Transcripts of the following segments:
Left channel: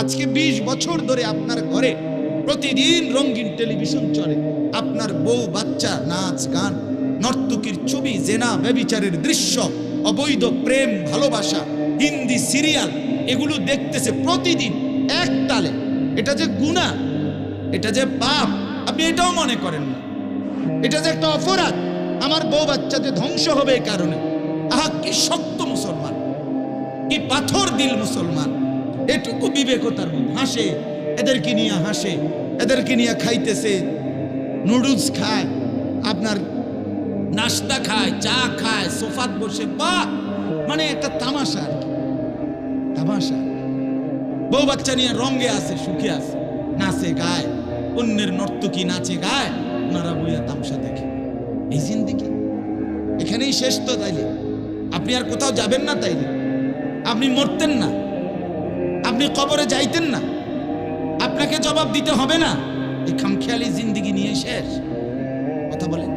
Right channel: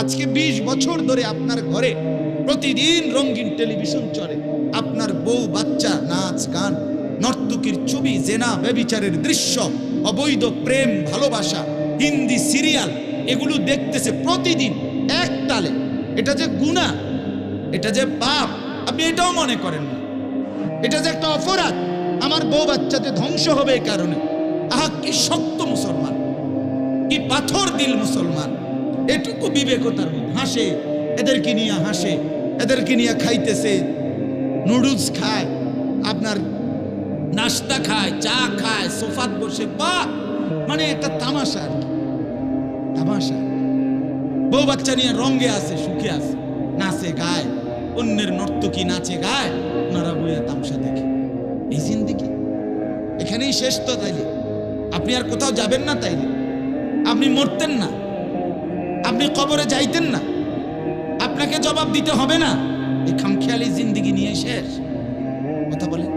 আজকে 20 বছর ধরে আপনার ঘরে প্রতিদিন রঙিন টেলিভিশন চলে, আপনার বউ বাচ্চা নাচ গান, নর্তকীর ছবি, জেনা ব্যভিচারের দৃশ্য, অবৈধ প্রেম ভালোবাসা, হিন্দি সিরিয়াল, এগুলো দেখতেছে প্রতিদিন এক তালে। এটা যে গুনাহ, এটা যে পাপ, আপনি এটাও মনে করেন না। এটা যে একটা অপরাধ, আমার বউ বাচ্চা যে ধ্বংস হবে এই কারণে। আহা, কি শক্ত মুসলমান, কি পাথর দিল মুসলমান, এটুকু বিবেকতার মধ্যে হাসে, এদেরকে নিয়ে হাসে, এদেরকে নিয়ে খাইতেছে, নুডলস খায়, আপনার নাস্তা খায়, চা খায়, সোফাত বসে, বাহ, মানে একটা তামাশা আর কি, তামাশা। বউ বাচ্চা নিয়ে রঙে আছে, সুখে আছে, নাচে গায়, অন্যের নর্তকী নাচে গায়, ওনারা বইয়া তামসা দেখে। এই জিন্দেগি এখানেই শেষ তো? তাইলে আপনি আর কোথাও যাবেন না? তাইলে আপনি মরতেন না? আপনি কবরে যাইতেন না? আপনাকে জবাব দিতে হবে না? এই খামখেয়ালি জিন্দেগি নিয়ে শেষ। কথা বলেন।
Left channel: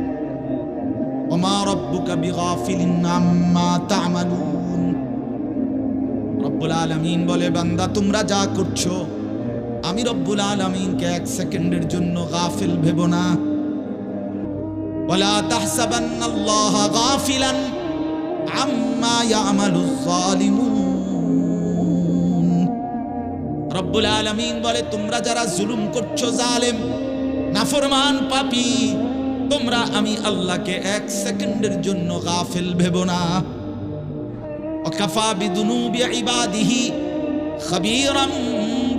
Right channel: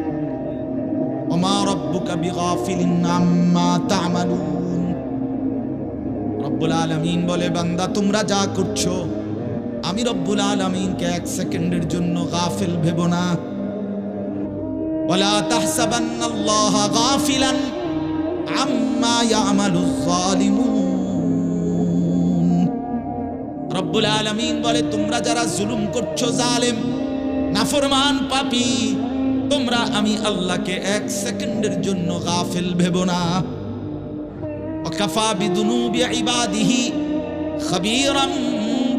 ওমা রব্বুকা বিগাফিলিন আম্মা তা'মালুন। রব্বুল আলামিন বলে, বান্দা তোমরা যা করছো, আমি রব্বুল আলামিনকে 1 সেকেন্ডের জন্য গাফিল ভেবো না। ওয়ালা তাহসাবান্নাল্লাহা গাফিলান আম্মা ইয়ামালুজ জালিমুন। রব্বুল আলামিন বলে, তোমরা যারা জুলুম করছো, জালেম, নাফরমান, পাপী, তোমরা আমি আল্লাহকে 1 সেকেন্ডের জন্য গাফিল ভেবো না। ওয়াকাফা বিদুনুবি ইবাদিহি খাবীরাম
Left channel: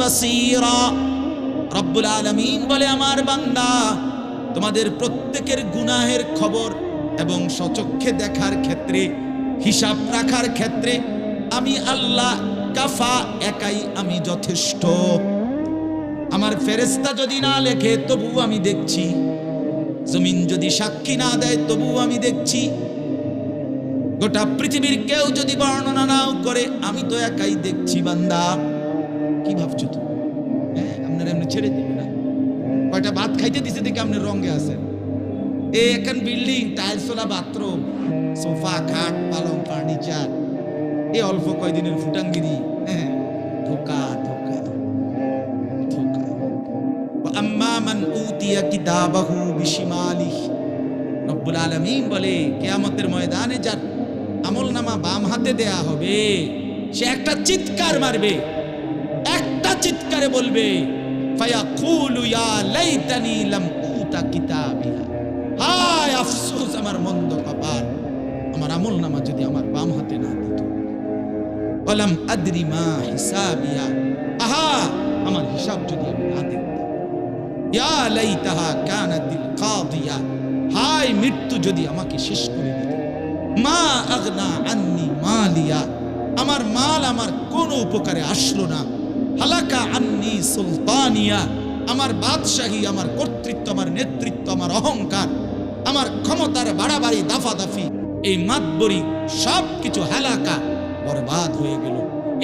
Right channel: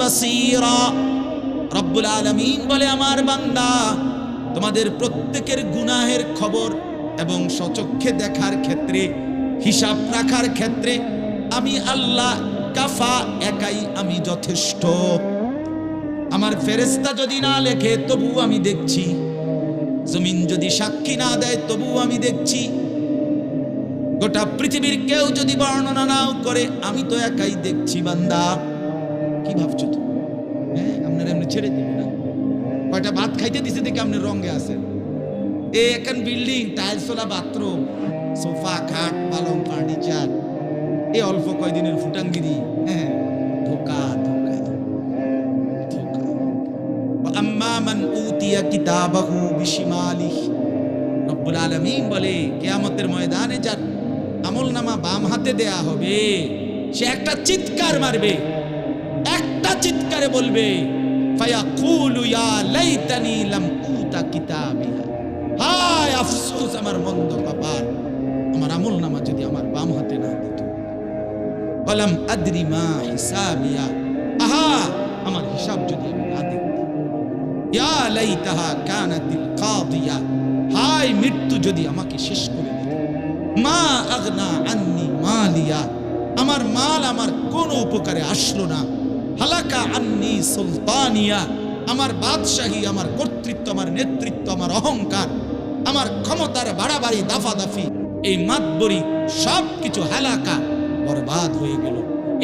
বাসীরা। রব্বুল আলামিন বলে, আমার বান্দা, তোমাদের প্রত্যেকের গুনাহের খবর এবং সচক্ষে দেখার ক্ষেত্রে, হিসাব রাখার ক্ষেত্রে আমি আল্লাহ কাফা, একাই আমি যথেষ্ট। আমার ফেরেশতা যদি না লেখে তবু আমি দেখছি, জমিন যদি সাক্ষী না দেয় তবু আমি দেখছি, গোটা পৃথিবীর কেউ যদি বর্ণনা নাও করে, আমি তো একাই দেখছি। বান্দা, কি ভাবছো তুমি? হ্যাঁ, আপনারা এমনি ছেড়ে দিবে না? কয়টা ভাত খাইতে দিছে দেখে আপনি রঙে আছেন। এখন বিল্ডিং, টাইলসওয়ালা বাথরুম, সোফা, খাট, পালং, ফার্নিচার, এই অল্প কয়দিনের ফুটাঙ্গিরি। হ্যাঁ, ধোকা ধোকা ধোকা। আম্মা মান উতিয়া কিতাবাহু বিশিমালিহি। রব্বুল আলামিন বলে, কিয়ামতের ময়দানে যার আমলনামা বাম হাতে দেয়া হবে, সে একটা চিৎকার মারবে, একটা চিৎকারে বলবে, ফায়াকুলু ইয়া লাইতানি লাম উতা কিতাবিয়া। হায় আফসোস, আমার মন্দ কপাল, আমার আমলনামা যদি আমার বাম হাতে না দিত। ওয়ালাম আদরি মা হিসাবিয়া। আহা, আমার হিসাব যদি আমি না দেখতাম। ইয়া লাইতাহা কানাতিল কাদিয়া। হায় মৃত্যু যদি আমাকে শেষ করে দিত। মা আগনা আন্নি মালিয়া। আমার মাল আমার কোনো উপকারে আসলো না। হালাকা আন্নি সুলতানিয়া। আমার বাদশাহী, আমার কর্তৃত্ব, আমার নেতৃত্ব, আমার অহংকার, আমার ক্ষমতার বাড়াবাড়ি, দাফাদাফি, এই মাতবরি সব কিছু হালাকা, বরবাদ হয়ে গেল।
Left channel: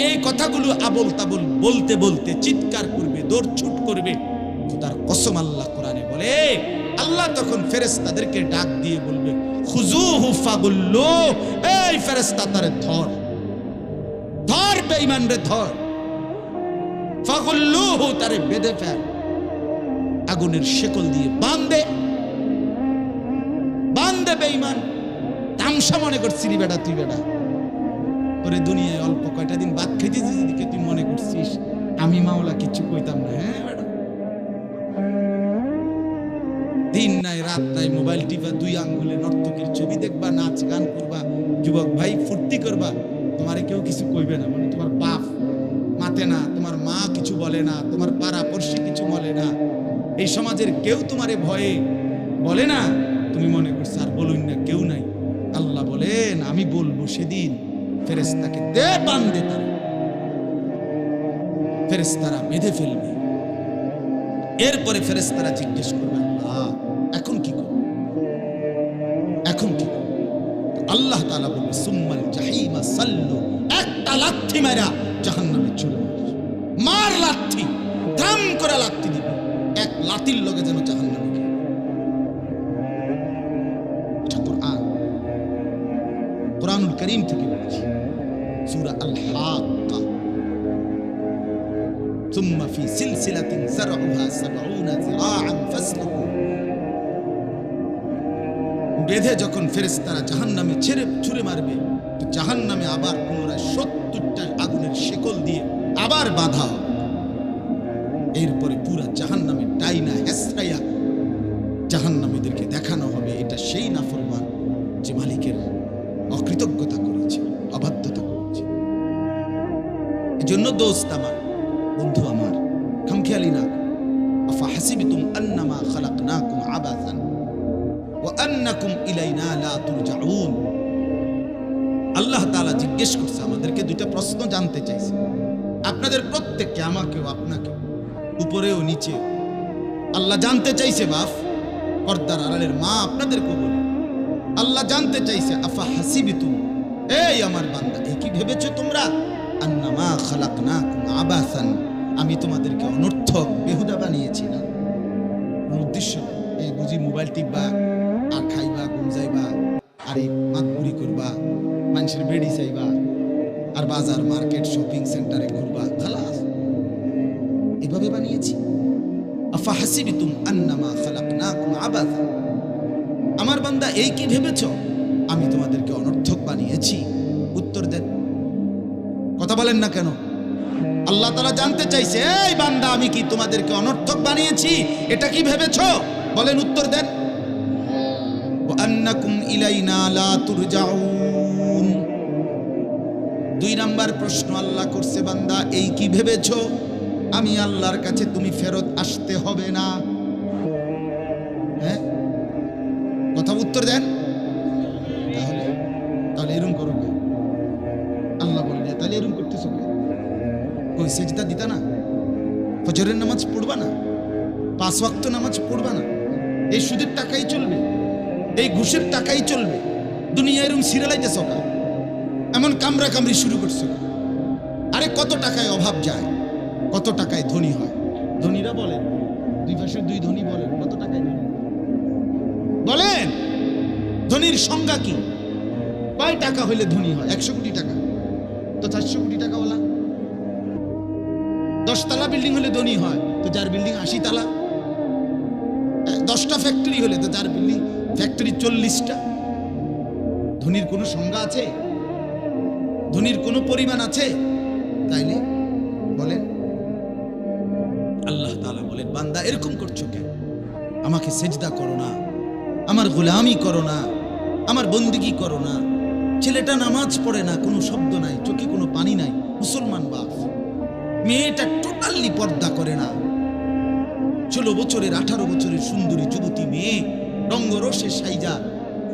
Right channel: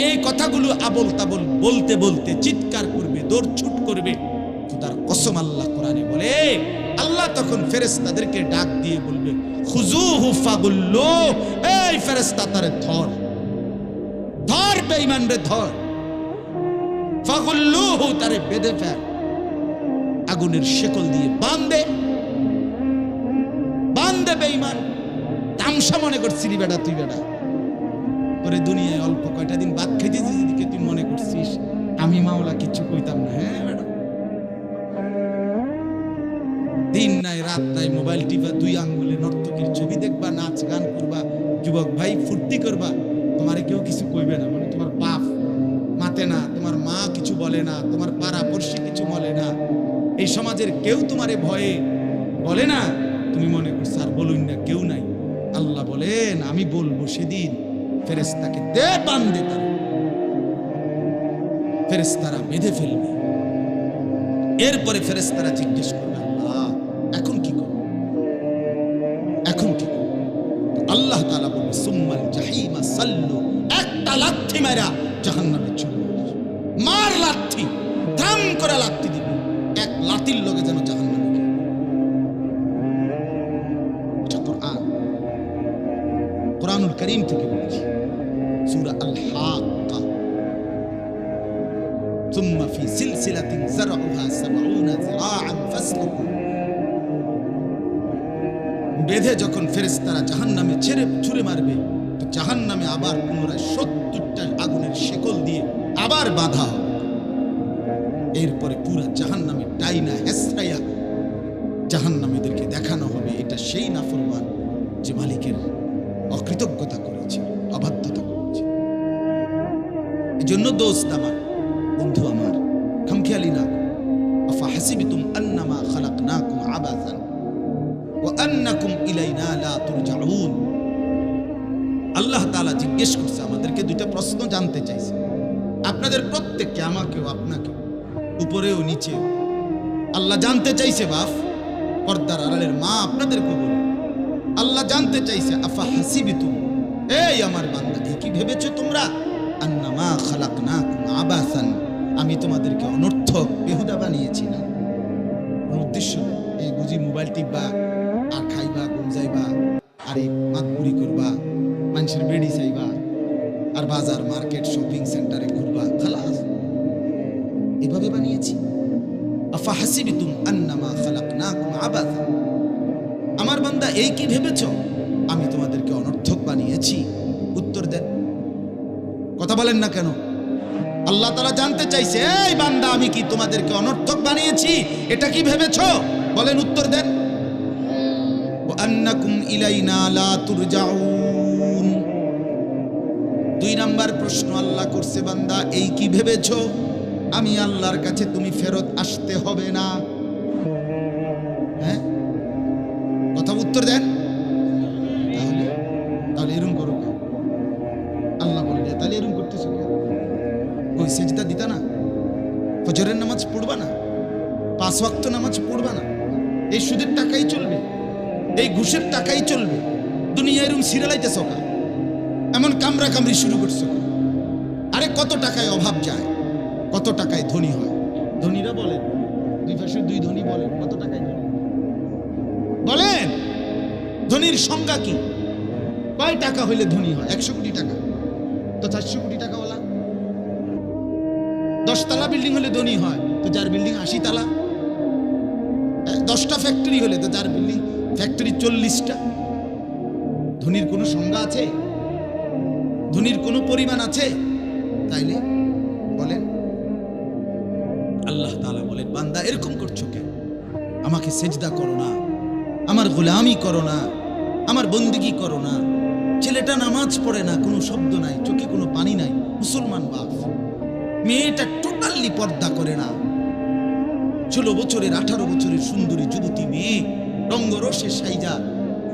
এই কথাগুলো আবল তাবল বলতে বলতে চিৎকার করবে, দৌড়ছুট করবে। খোদার কসম, আল্লাহ কোরআনে বলে, আল্লাহ তখন ফেরেশতাদেরকে ডাক দিয়ে বলবে, খুজুহু ফাগুল্লু। এই ফেরেশতা, তারে ধর, ধর, বেঈমান রে ধর। ফাগুল্লুহু, তারে বেঁধে ফেল, আগুনের শেকল দিয়ে বাঁধে, বাঁধে। বেঈমান, তামসা মনে করছিলি বেটা তুই? বেটা, তোরে দুনিয়ায় অল্প কয়টা দিন ভাত খাইতে দিকে তুই মনে করছিস আমি মাওলা কিছু কইতাম না? হ্যাঁ বেটা, দিন নাই রাত নাই মোবাইল টিপা, 2 আঙ্গুলে নর্তকীর ছবি দেখবা, নাচ গান করবা, যুবক ভাই ফুর্তি করবা, তোমারে কেউ কিছু কইবে না। মানে তোমার বাপ মাতে না, তোমার মা কিছু বলে না, তোমার পাড়া পড়শি কিছু বলে না, এই সমাজের কেউ তোমারে ভয়ে বলে না। তুমি মনে করছো আর বলুন না, কেউ নাই। আল্লাহ বলেন, আমি বলবো সেদিন ফেরেশতাকে দে, বাঁধে, তারা ফেরেশতারা বেঁধে ফেলবে। এরপরে ফেরেশতারা জিজ্ঞেস করবে, আল্লাহ এখন কি করব, এখন কি করব? আল্লাহ তাআলা বলবে, সুম্মাল জাহিমা সাল্লু। একটা লাথি মারা জাহান্নামে চলে মার, লাথি ধাম করে লাথি দিবে, এক লাথির লগে যেন জাহান্নামে গিয়ে। এটা কোরআন, কোরআনুল কারীম থেকে বলেছি, সূরা আল হাক্কা, সুম্মা ফি সিলসিলাতিন যারউহা 70 যিরাআন ফাসলুকু। বেঁধে যখন ফেরেশতারা জাহান্নামে ছুঁড়ে মারবে, তো জাহান্নামে আবার পুনরায় 70টা আগুনের শেকল দিয়ে আবার বাঁধা হবে। এরপরে পুরা জাহান্নামে টাইনা হেসরাইয়া জাহান্নামীদেরকে দেখানো হবে এটা সেই নাফরমান যে মালিকের অকৃতজ্ঞতা করেছে, অবাধ্যতা করেছে। এই জন্য দোস্ত আমার, বন্ধু আমার, খামখেয়ালি না করো। আফা হাসিবতুম আন্নামা খালাকনাকুম আবাসান ওয়া আন্নাকুম ইলাইনা লা তুরজাউন। আল্লাহ তাআলা জিজ্ঞেস করছে আমাদেরকে, দুইটা প্রশ্ন জানতে চাইছে আপনাদের প্রত্যেককে, আমাকেও আপনাকে, উপরেও নিচে। আল্লাহ জানতে চাইছে, বাপ পর্দার আড়ালের মা আপনাদেরকে বলি, আল্লাহ জানতে চাইছে আফা হাসিবিতুম, এই আমার বান্দা, এই কি ভেবেছো তোমরা, আন্নামা খালাকনাকুম আবাসান, আমি তোমাদেরকে অনর্থক বেহুদা বানিয়েছি না, কোনো উদ্দেশ্য নেই। এই বুঝি মোবাইল টিপবা আর খাইবা, ঘুম যাইবা, আর এই মাতবুড়ি করবা, মানুষের বেড়ি চাইবা, আর বাজার মার্কেট শপিং সেন্টারে ঘুরবা, খালাস, এভাবে বানিয়েছি। আফা হাসিবিতুম আন্নামা খালাকনাকুম আবাসান, আমার বান্দা এই কি ভেবেছো আমি তোমাদেরকে অনর্থক বানিয়েছি? উত্তর দেন, কথা বলেন না কেন? আল্লাহ তাআলা জানতে চাইছে, এই বান্দা আমি কি তোমাদেরকে অনর্থক বানিয়েছি, এটা কি ভেবেছো? বলেন, উত্তর দেন। ওয়া আন্নাকুম ইলাইনা লা তুরজাউন। 2 নাম্বার প্রশ্ন আল্লাহ করছে, বান্দা এই কি ভেবেছো আমি আল্লাহর কাছে তুমি ফেরত আসতে হবে না? হ্যাঁ, কথা উত্তর দেন। তাহলে এরকম করো কেন? আল্লাহ বলেন, তাহলে এরকম করতেছো কেন? ওই সেজদা দিতা না, ফজরের নামাজ পড়বা না, 5 ওয়াক্ত নামাজ পড়বা না, এই সুদের টাকাই চলবে, এই ঘুষের টাকাই চলবে, দুনিয়া এরকম সিরিয়ালাইতেছ কা, এমন কামরা কামড়ি শুরু করছো। আরে কত টাকায় অভাব যায়, কত টাকায় ধনী হয়? ধনীরা বলেন, 2 পাশে 2 ধনী বলেন, কত টাকায় ধনী বলেন? ধনীর সংজ্ঞা কি? কয় টাকা হইলে ধনী হয়? 100 কোটি টাকা তো 400 কোটি টাকাওয়ালা। 10 তলা বিল্ডিং হলে ধনী হয়, তো যার বিল্ডিং 80 তলা। 10টা ফ্যাক্টরি হলে তো যার বিল্ডিং ফ্যাক্টরি 40টা। ধনীর কোনো সংজ্ঞা আছে? ধনীর কোনো পরিমাণ আছে? তাইলে বলেন, আল্লাহ তাআলা বলেন, বান্দা এরকম করছো কেন? আমাকে সেজদা করো না, আমার গোলামি করো না, আমার বন্দিগি করো না। ছেলেটা নামাজ পড়ে না, কোনো শব্দ নাই, চোখে কোনো পানি নাই, মুসলমান বাপ। মেয়েটা টোটালি পর্দা করে না, 16 বছরের 18 বছরের সুন্দরী যুবতী মেয়ে, রঙ্গরসে সাইজা,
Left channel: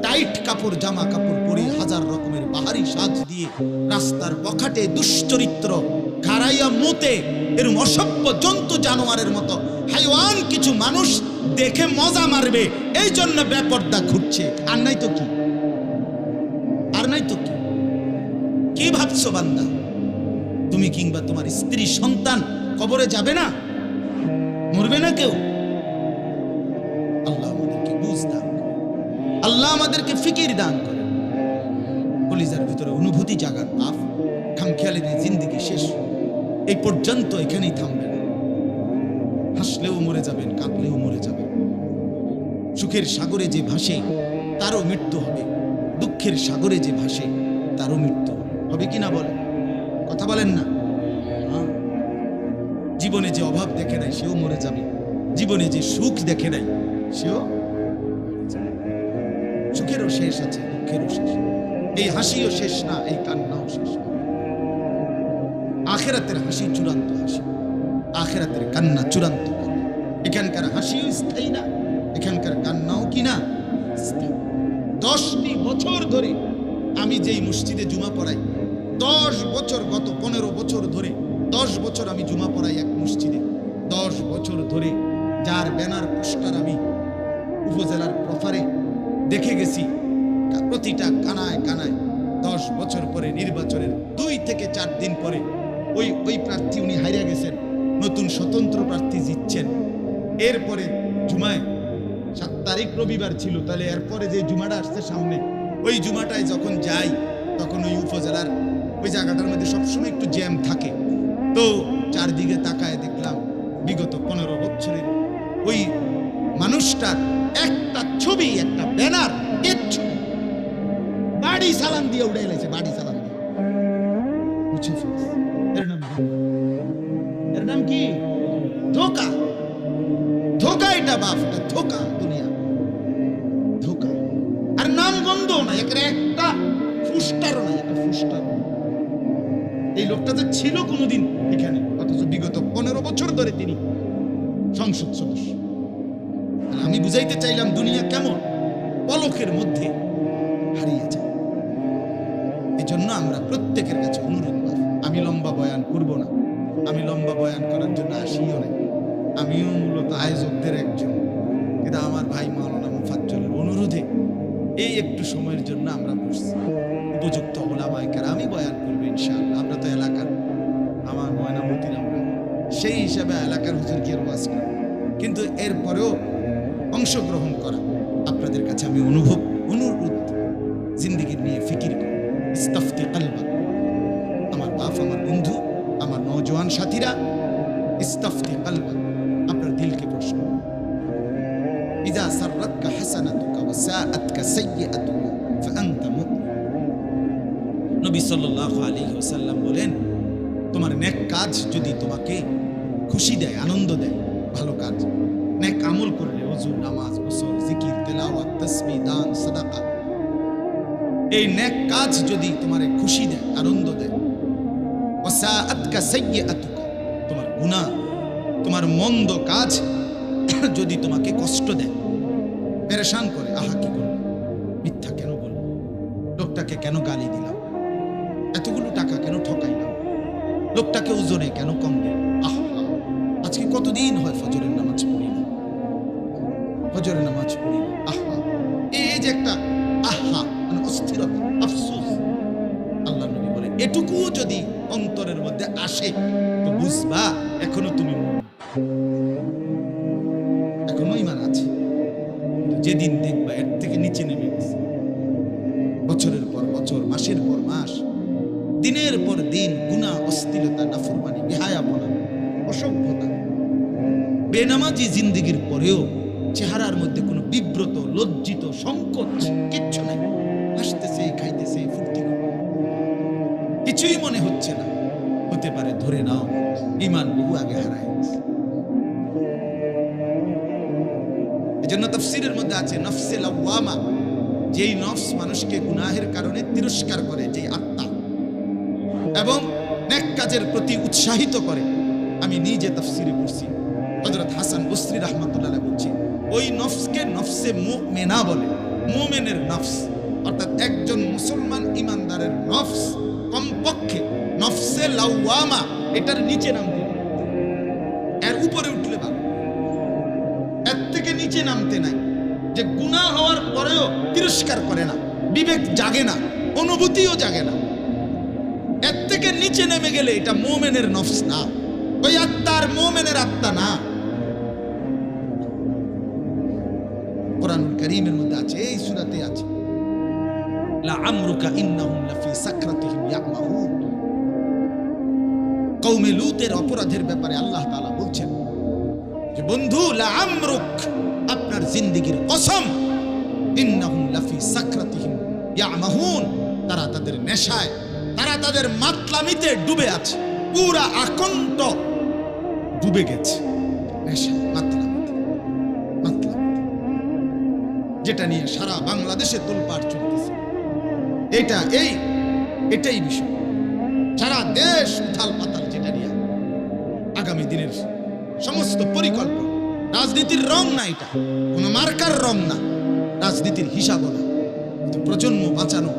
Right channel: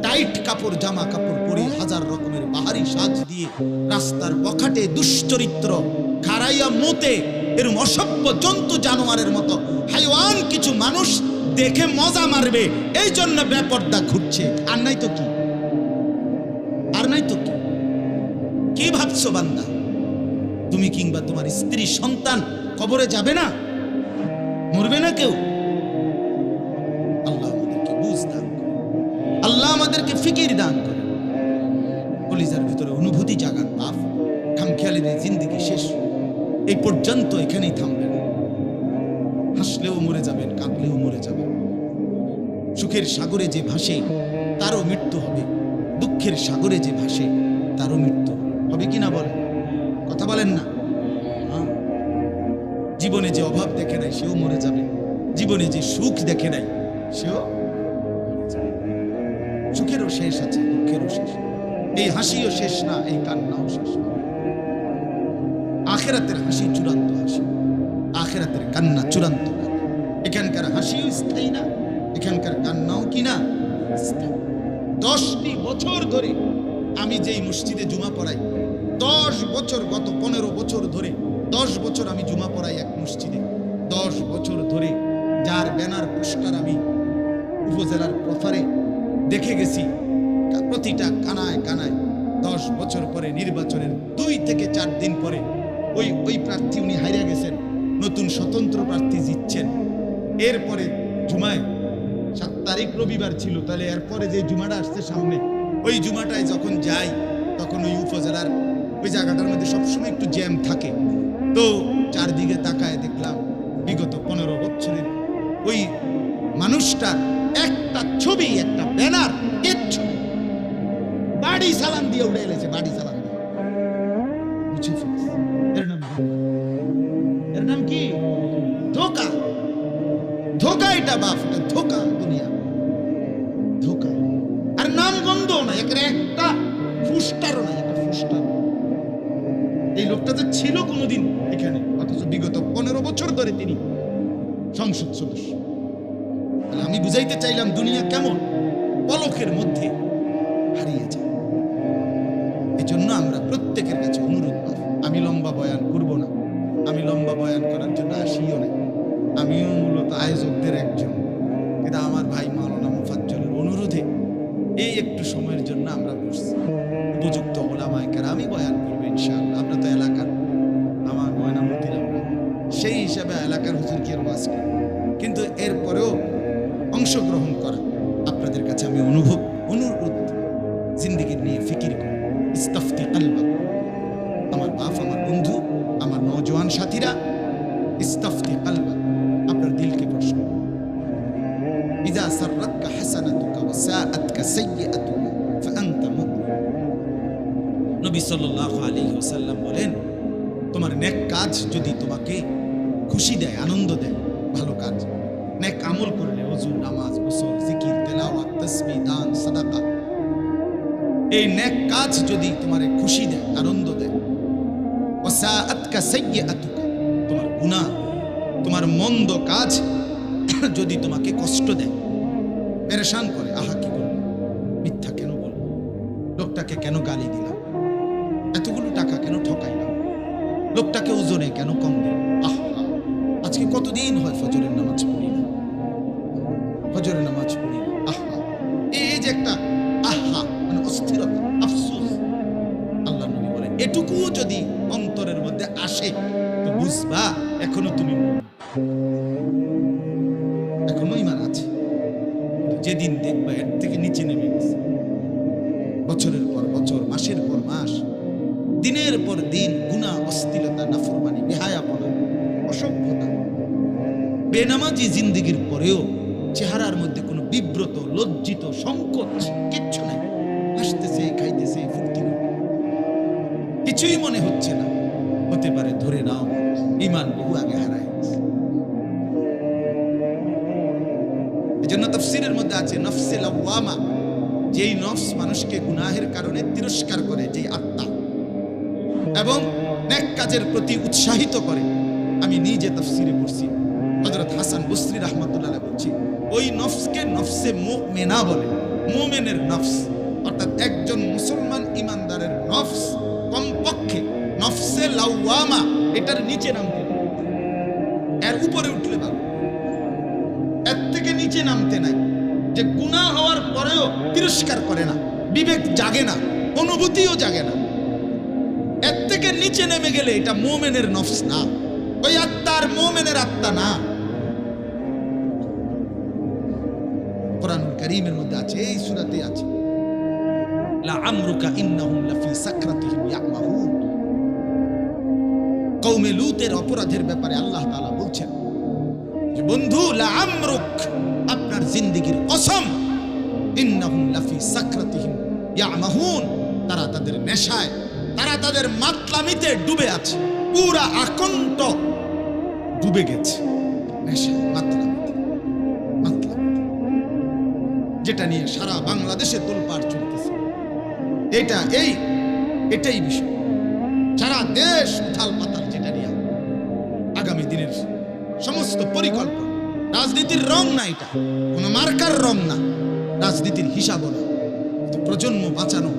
টাইট কাপড় জামা কাপড় পরে, 1000 রকমের বাহারি সাজ দিয়ে রাস্তার বখাটে দুশ্চরিত্র খারাইয়া মোতে, এরকম অসভ্য জন্তু জানোয়ারের মতো হাইওয়ান কিছু মানুষ দেখে মজা মারবে, এই জন্য বেপর্দা ঘুরছে। আর নাই তো কি, আর নাই তো কি? কি ভাবছো বান্দা, তুমি কিংবা তোমার স্ত্রী সন্তান কবরে যাবে না? মরবে না কেউ? আল্লাহ আমাদেরকে বুঝ দান করে, আল্লাহ আমাদেরকে ফিকির দান করে, কলিজার ভিতরে অনুভূতি জাগান। বাপ খামখেয়ালির জিন্দেগি শেষ, এই পর্যন্ত এখানেই থামবে না। হাসলেও মরে যাবেন, কাঁদলেও মরে যাবেন। সুখের সাগরে যে ভাসে তারও মৃত্যু হবে, দুঃখের সাগরে যে ভাসে তারও মৃত্যু হবে কি না? বলেন, কথা বলেন না? জীবনে যে অভাব দেখে নাই সেও মরে যাবে, জীবনে যে সুখ দেখে নাই সেও। সুখেরও শেষ আছে, দুঃখেরও শেষ, এই হাসিও শেষ না, এই কান্নাও শেষ না। আখেরাতের হাসি চূড়ান্ত হাসি, আখেরাতের কান্না চূড়ান্ত কান্না। এখানকার হাসিও স্থায়ী না, এখানকার কান্নাও কি না স্থায়ী। 10টি বছর ধরে আমি যেই মসজিদে জুমা পড়াই, 10 বছর, গত 15 বছর ধরে 10 বছর আমি জুমা পড়াই এক মসজিদে। 10 বছর ধরে যার ব্যানার পোস্টার আমি উপজেলার প্রফারে দেখে গেছি, প্রতিটা কানায় কানায় 10 বছর পরে নির্বাচনের 2 থেকে 4 দিন পরে ওই প্রার্থী উনি হারিয়ে গেছেন, নতুন স্বতন্ত্র প্রার্থী জিতছেন। এরপরে জুমায় 7 তারিখ রবিবার ছিল, তাহলে এরপরে যে জুমাটা আসছে সামনে, ওই জুমাটায় যখন যাই তখন ওই উপজেলার ওই জায়গাটার মধ্যে সবসময় একটু জ্যাম থাকে। তো চারদিকে তাকায় দেখলাম বিগত 15 বছরের ওই মানুষটার একটা ছবি, একটা ব্যানার, কিচ্ছু নেই। বাড়ি সালাম দিয়ে উঠে এলেছে, বাড়ি সালাম দিয়ে মুছে ফেলছে। এর নাম কি? ধোকা। ধোকা এটা বাপ, এটা ধোকা, দুনিয়া ধোকা। আর নাম গন্ধ না, একটা ফুস্টারও নাই, একটা ফুস্টার। এই লোকটা যে ছিল কোনোদিন এখানে, অথচ বিগত 15 বছর ধরে তিনি সংসদ সদস্য। তাহলে আমি বুঝাইতে চাইলাম দুনিয়া কেমন পলকের মধ্যে হারিয়ে যায়। এই জন্য আমরা প্রত্যেকের কাছে অনুরোধ, আমি লম্বা বয়ান করব না, আমি লম্বা বয়ান করার জন্য আসিও না, আমিও মূলত আয়োজকদের একজন, কিন্তু আমার ভাই মাওলানা মুফাজ্জলের অনুরোধে এই একটু সময়ের জন্য আমরা বসছি। উপযুক্ত ওলামায়ে কেরামই বয়ান করবে ইনশাআল্লাহ। আমরা তো এলাকার, আমার ময়নামতির, আমরা সেই হিসাবে এলাকার হুজুরকে ওয়াজ করি, কিন্তু এরপরেও অংশগ্রহণ করা আপনাদের কাছে আমি অনুরোধ, জিন্দেগি নিয়ে ফিকির করি। ইস্তাফতি কলবা, আমার বাপ, আমার বন্ধু, আমার নওজোয়ান সাথীরা, ইস্তাফতি কলবা, আপনার দিলকে প্রশ্ন। ইযা সাররাতকা হাসানাতুকা ওয়া সাআতকা সাইয়্যাতুকা ফাআনতা মুমিন। নবী সাল্লাল্লাহু আলাইহি ওয়াসাল্লাম বলেন, তোমার নেক কাজ যদি তোমাকে খুশি দেয়, আনন্দ দেয়, ভালো কাজ, নেক আমল করলে, ওযু, নামাজ, গোসল, জিকির, তেলাওয়াত, তাসবিহ, দান, সাদাকা, এই নেক কাজ যদি তোমারে খুশি দেয়, আনন্দ দেয়, ওয়া সাআতকা সাইয়্যাতুকা, তোমার গুনাহ, তোমার মন্দ কাজ যদি তোমাকে কষ্ট দেয়, পেরেশান করে, আহা কি করব, মিথ্যা কেন বলবো, লোকটাকে কেন গালি দিলাম, এতগুলো টাকা কেন ঠকাইলাম, লোকটাকে ওজনে কেন কম দিলাম, আহা আজকে কতদিন হয় ফজরের নামাজ পড়ি না, ফজরের নামাজ পড়ি না, আহা, এই যে একটা আহা, মানে অস্থিরতা, আফসোস। আল্লাহ নবী বলে, এটুকুও যদি অন্তরের মধ্যে আসে তো বুঝবা এখনো তুমি এখনো ঈমান আছে। যেদিন দেখবা এর থেকে নিচে নেমে গেছে, বছরের পর বছর, মাসের পর মাস, দিনের পর দিন গুনাহ, অশ্লীলতা, নাফরমানি, বেহায়াপনা, অসভ্যতা, বেনামাজি জিন্দেগির পরেও চেহারার মধ্যে কোনো বিব্রত, লজ্জিত, সংকোচ কিচ্ছু নাই, হাসতেছে, খাইতেছে, ফুর্তি করতে, কিছুই মনে হচ্ছে না। হতে পারে ধরে নাও ঈমান বহু আগে হারায় গেছে। এজন্য তাফসীরের মধ্যে আছে নফসে লাওয়ামা, যেই নফস মানুষকে গুনাহের কারণে তিরস্কার করে, যেই আত্মা, এবং নেক কাজের প্রতি উৎসাহিত করে। আমি নিজে তাফসীরে পড়ছি, হযরত হাসান বসরি রাহমাতুল্লাহ আলাইহি বলছি, ওই নফসকে নফসে মুমিনা বলে, মুমিনের নফস, অর্থাৎ একজন মুসলমান ইমানদারের নফস কমপক্ষে নফসে লাওয়ামা এটার নিচে নামতে, এর উপরে উঠলে ভালো, এর থেকে নিচে নামতে নাই, যে গুনাহ হওয়ার পরেও তিরস্কার করে না, বিবেক জাগে না, অনুভূতিও জাগে না, এর থেকে নিচে নেমে গেলে এটা মুমিনের নফস না, ওই আত্মার, মুমিনের আত্মা না। কোরআনুল কারীমের মধ্যে আছে, এই সূরাতে আছে, লা আমরুকা ইন্নাহুম লাফি সাকরাতিহিম ইয়ামাহুন। কওমে লূতের অপরাধের ব্যাপারে আল্লাহ তাআলা বলছেন যে বন্ধু, লা আমরুক, আপনার জিন্দেগির কসম, ইন্নাহুম লাফি সাকরাতিহিম ইয়ামাহুন, তারা তাদের নেশায়, তারা তাদের মাতলামিতে ডুবে আছে, পুরা আকন্ঠ ডুবে গেছে নেশায়, মাতলামিতে, যেটা নিয়ে সারা বাংলাদেশে তোলপাড় চলতেছে। এটাই বিষয়, সারা দেশ উথাল পাতাল, যেটা নিয়ে আগামী দিনের সমস্ত পরিকল্পনা, রাজনীতির রং না, এটা কোনো মার্কার রং না, রাজনীতির হিসাবও না, প্রজন্ম বাঁচানো,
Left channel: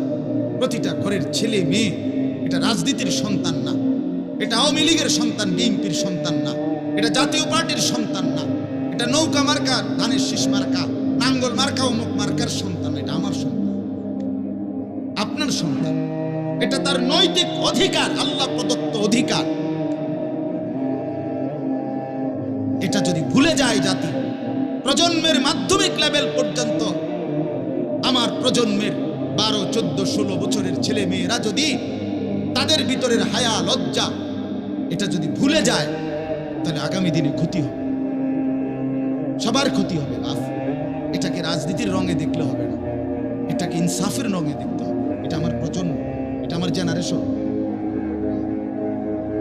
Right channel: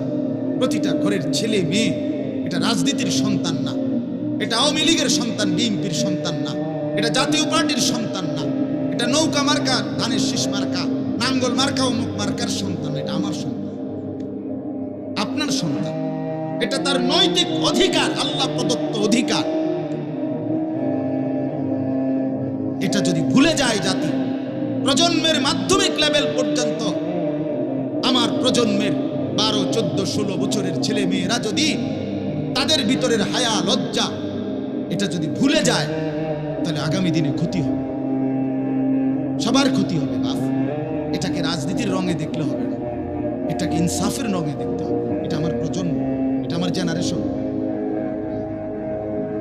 প্রতিটা ঘরের ছেলে মেয়ে, এটা রাজনীতির সন্তান না, এটা আওয়ামী লীগের সন্তান, বিএনপির সন্তান না, এটা জাতীয় পার্টির সন্তান না, এটা নৌকা মার্কা, ধানের শীষ মার্কা, নাঙ্গল মার্কা, অমুক মার্কার সন্তান, এটা আমার সন্তান, আপনার সন্তান, এটা তার নৈতিক অধিকার, আল্লাহ প্রদত্ত অধিকার। এটা যদি ভুলে যায় জাতি, প্রজন্মের মাধ্যমিক লেভেল পর্যন্ত, আমার প্রজন্মের 12, 14, 16 বছরের ছেলে মেয়েরা যদি তাদের ভিতরের হায়া, লজ্জা, এটা যদি ভুলে যায় তাহলে আগামী দিনে ক্ষতি হবে, সবার ক্ষতি হবে। বাপ, এটাকে রাজনীতির রঙে দেখলে হবে না, এটাকে ইনসাফের রঙে দেখতে হবে। এটা আমার প্রজন্ম, এটা আমার জেনারেশন,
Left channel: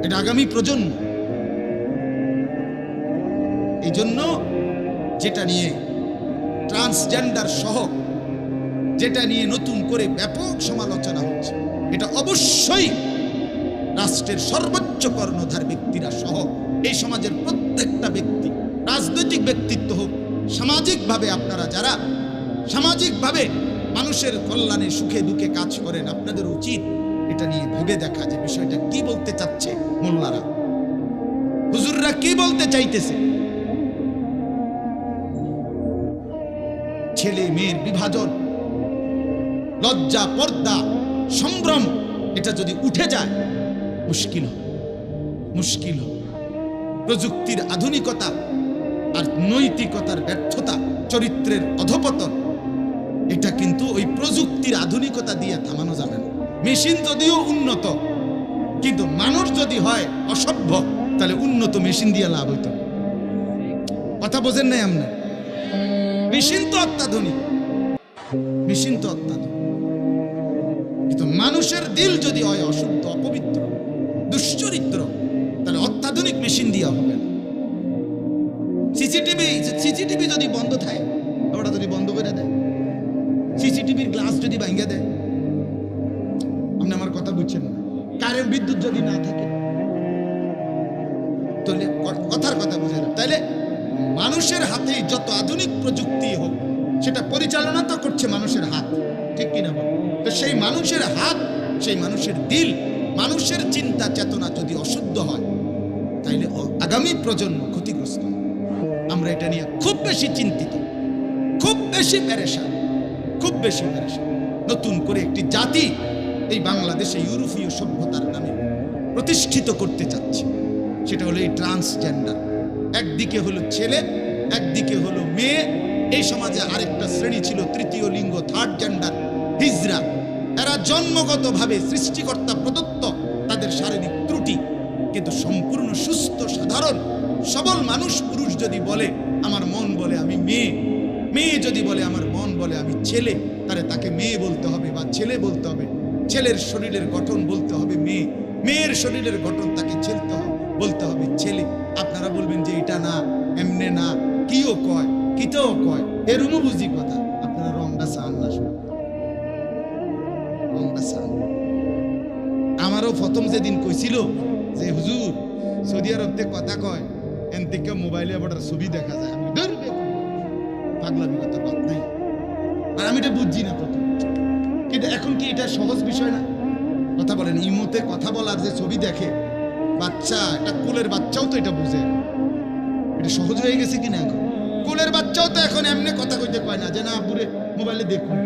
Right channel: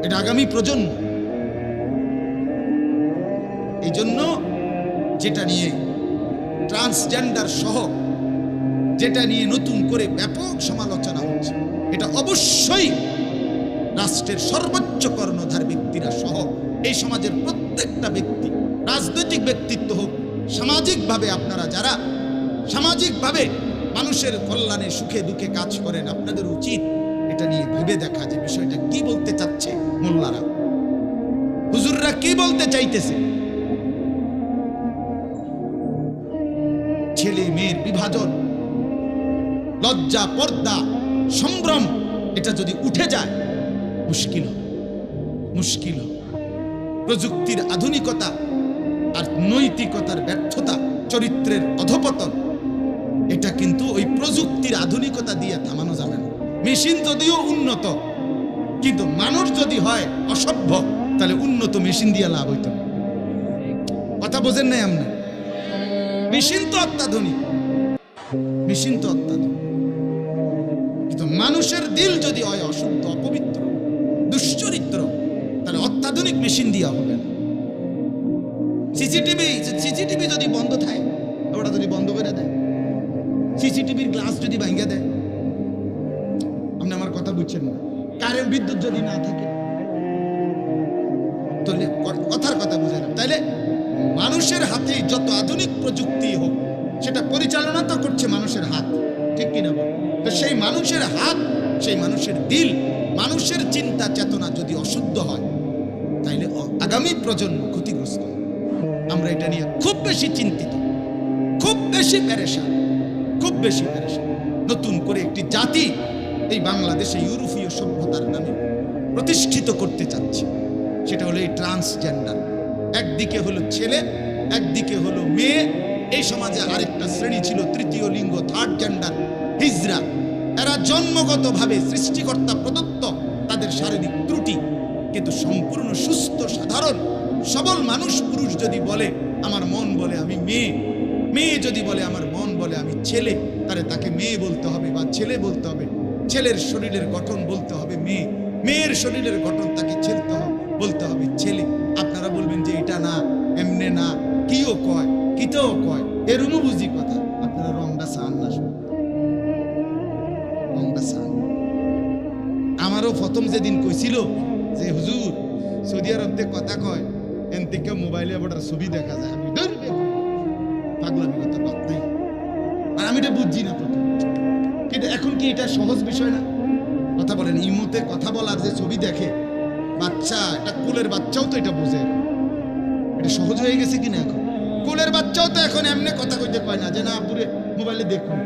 এটা আগামী প্রজন্ম। এই জন্য যেটা নিয়ে ট্রান্সজেন্ডার সহ যেটা নিয়ে নতুন করে ব্যাপক সমালোচনা হচ্ছে, এটা অবশ্যই রাষ্ট্রের সর্বোচ্চ কর্ণধার ব্যক্তিরা সহ এই সমাজের প্রত্যেকটা ব্যক্তি, রাজনৈতিক ব্যক্তিত্ব হোক, সামাজিকভাবে আপনারা যারা সামাজিকভাবে মানুষের কল্যাণে সুখে দুঃখে কাজ করেন, আপনাদের উচিত এটা নিয়ে ভেবে দেখা যে বিষয়টা কি বলতে চাচ্ছে মোল্লারা, হুজুররা কি বলতে চাইতেছে। ছেলে মেয়ের বিভাজন, লজ্জা, পর্দা, সম্ভ্রম, এটা যদি উঠে যায় মুশকিল হবে, মুশকিল হবে। প্রযুক্তির আধুনিকতা আর নৈতিকতার ব্যর্থতা, চরিত্রের অধপতন, এটা কিন্তু ওই প্রযুক্তির আধুনিকতা দিয়ে থামানো যাবে না। মেশিন যদিও উন্নত, কিন্তু মানুষ যদি হয় অসভ্য, তাহলে উন্নত মেশিন দিয়ে লাভ হইত। কথা বোঝেন নাই আপনি? মেশিন তো অত্যাধুনিক, মেশিন তো অত্যাধুনিক, কিন্তু মানুষের দিল যদি হয় অশুদ্ধ, অপবিত্র, দুশ্চরিত্র, তাহলে অত্যাধুনিক মেশিন দিয়া হবে না। সিসিটিভি যদি বন্ধ থাকে, ওটা যদি বন্ধ করে দেয়, সিসিটিভির গ্লাস যদি ভাঙে দেয়, আপনি আমার কথা বুঝছেন না? কারেন্ট বিদ্যুৎ যদি না থাকে, তাহলে কথার কথা বুঝে না। তাইলে মানুষের হাতেই যত আধুনিক প্রযুক্তি হোক, সেটা পরিচালনা তো করছে মানুষের হাত, ঠিক কিনা বল? তো সেই মানুষের হাত, সেই মানুষের দিল, মানুষের চিন্তা চেতনা যদি অশুদ্ধ হয়, তাইলে আগামী প্রজন্ম ক্ষতিগ্রস্ত। আমরা এটা নিয়ে খুব বেশি চিন্তিত, খুব বেশি পেরেশান, খুব বেশি পেরেশান। নতুন করে একটি জাতি এই বাংলাদেশে ইউরোপীয় সভ্যতার নামে প্রতিষ্ঠিত করতে চাচ্ছে, সেটা হলো এই ট্রান্সজেন্ডার। একদিকে হলো ছেলে, একদিকে হলো মেয়ে। এই সমাজে আরেকটা শ্রেণী ছিল তৃতীয় লিঙ্গ, থার্ড জেন্ডার, হিজড়া। এরা জন্মগতভাবে সৃষ্টিকর্তা প্রদত্ত, তাদের শারীরিক ত্রুটি, কিন্তু সম্পূর্ণ সুস্থ সাধারণ সবল মানুষ। পুরুষ যদি বলে আমার মন বলে আমি মেয়ে, মেয়ে যদি বলে আমার মন বলে আমি ছেলে, তাহলে তাকে মেয়ে বলতে হবে বা ছেলে বলতে হবে। ছেলের শরীরের গঠন বলতে হবে মেয়ে, মেয়ের শরীরের গঠন তাকে বলতে হবে ছেলে। আপনারা বলবেন যে এটা না, এমনে না, কিও কয়, কিতেও কয়, এরুমও বুঝি কথা। আপনারা রংটা চান না, রংটা চান। আমারও প্রথম যেদিন কইছিল যে হুজুর সৌদি আরবতে কথা কয়, এন থেকে মোবাইলে আবার ছবি দেখা যায়, আমি ধরবে পাগলামি কথা বাদ নাই। আর আমি এটা বুঝছি না প্রথম, কিন্তু এখন কি এটা সহজ বিষয় না? কথা বলেন, ইমোতে কথা বলার যে ছবি দেখে বাচ্চা, এটা কোলের বাচ্চাও তো এটা বোঝে। এটা সহজ হয়ে গেছে কিনা? এখন কোলের বাচ্চাও তো এখন এমনি কথা কইতে কয় না যে না আব্বুরে মোবাইলে দেখুন,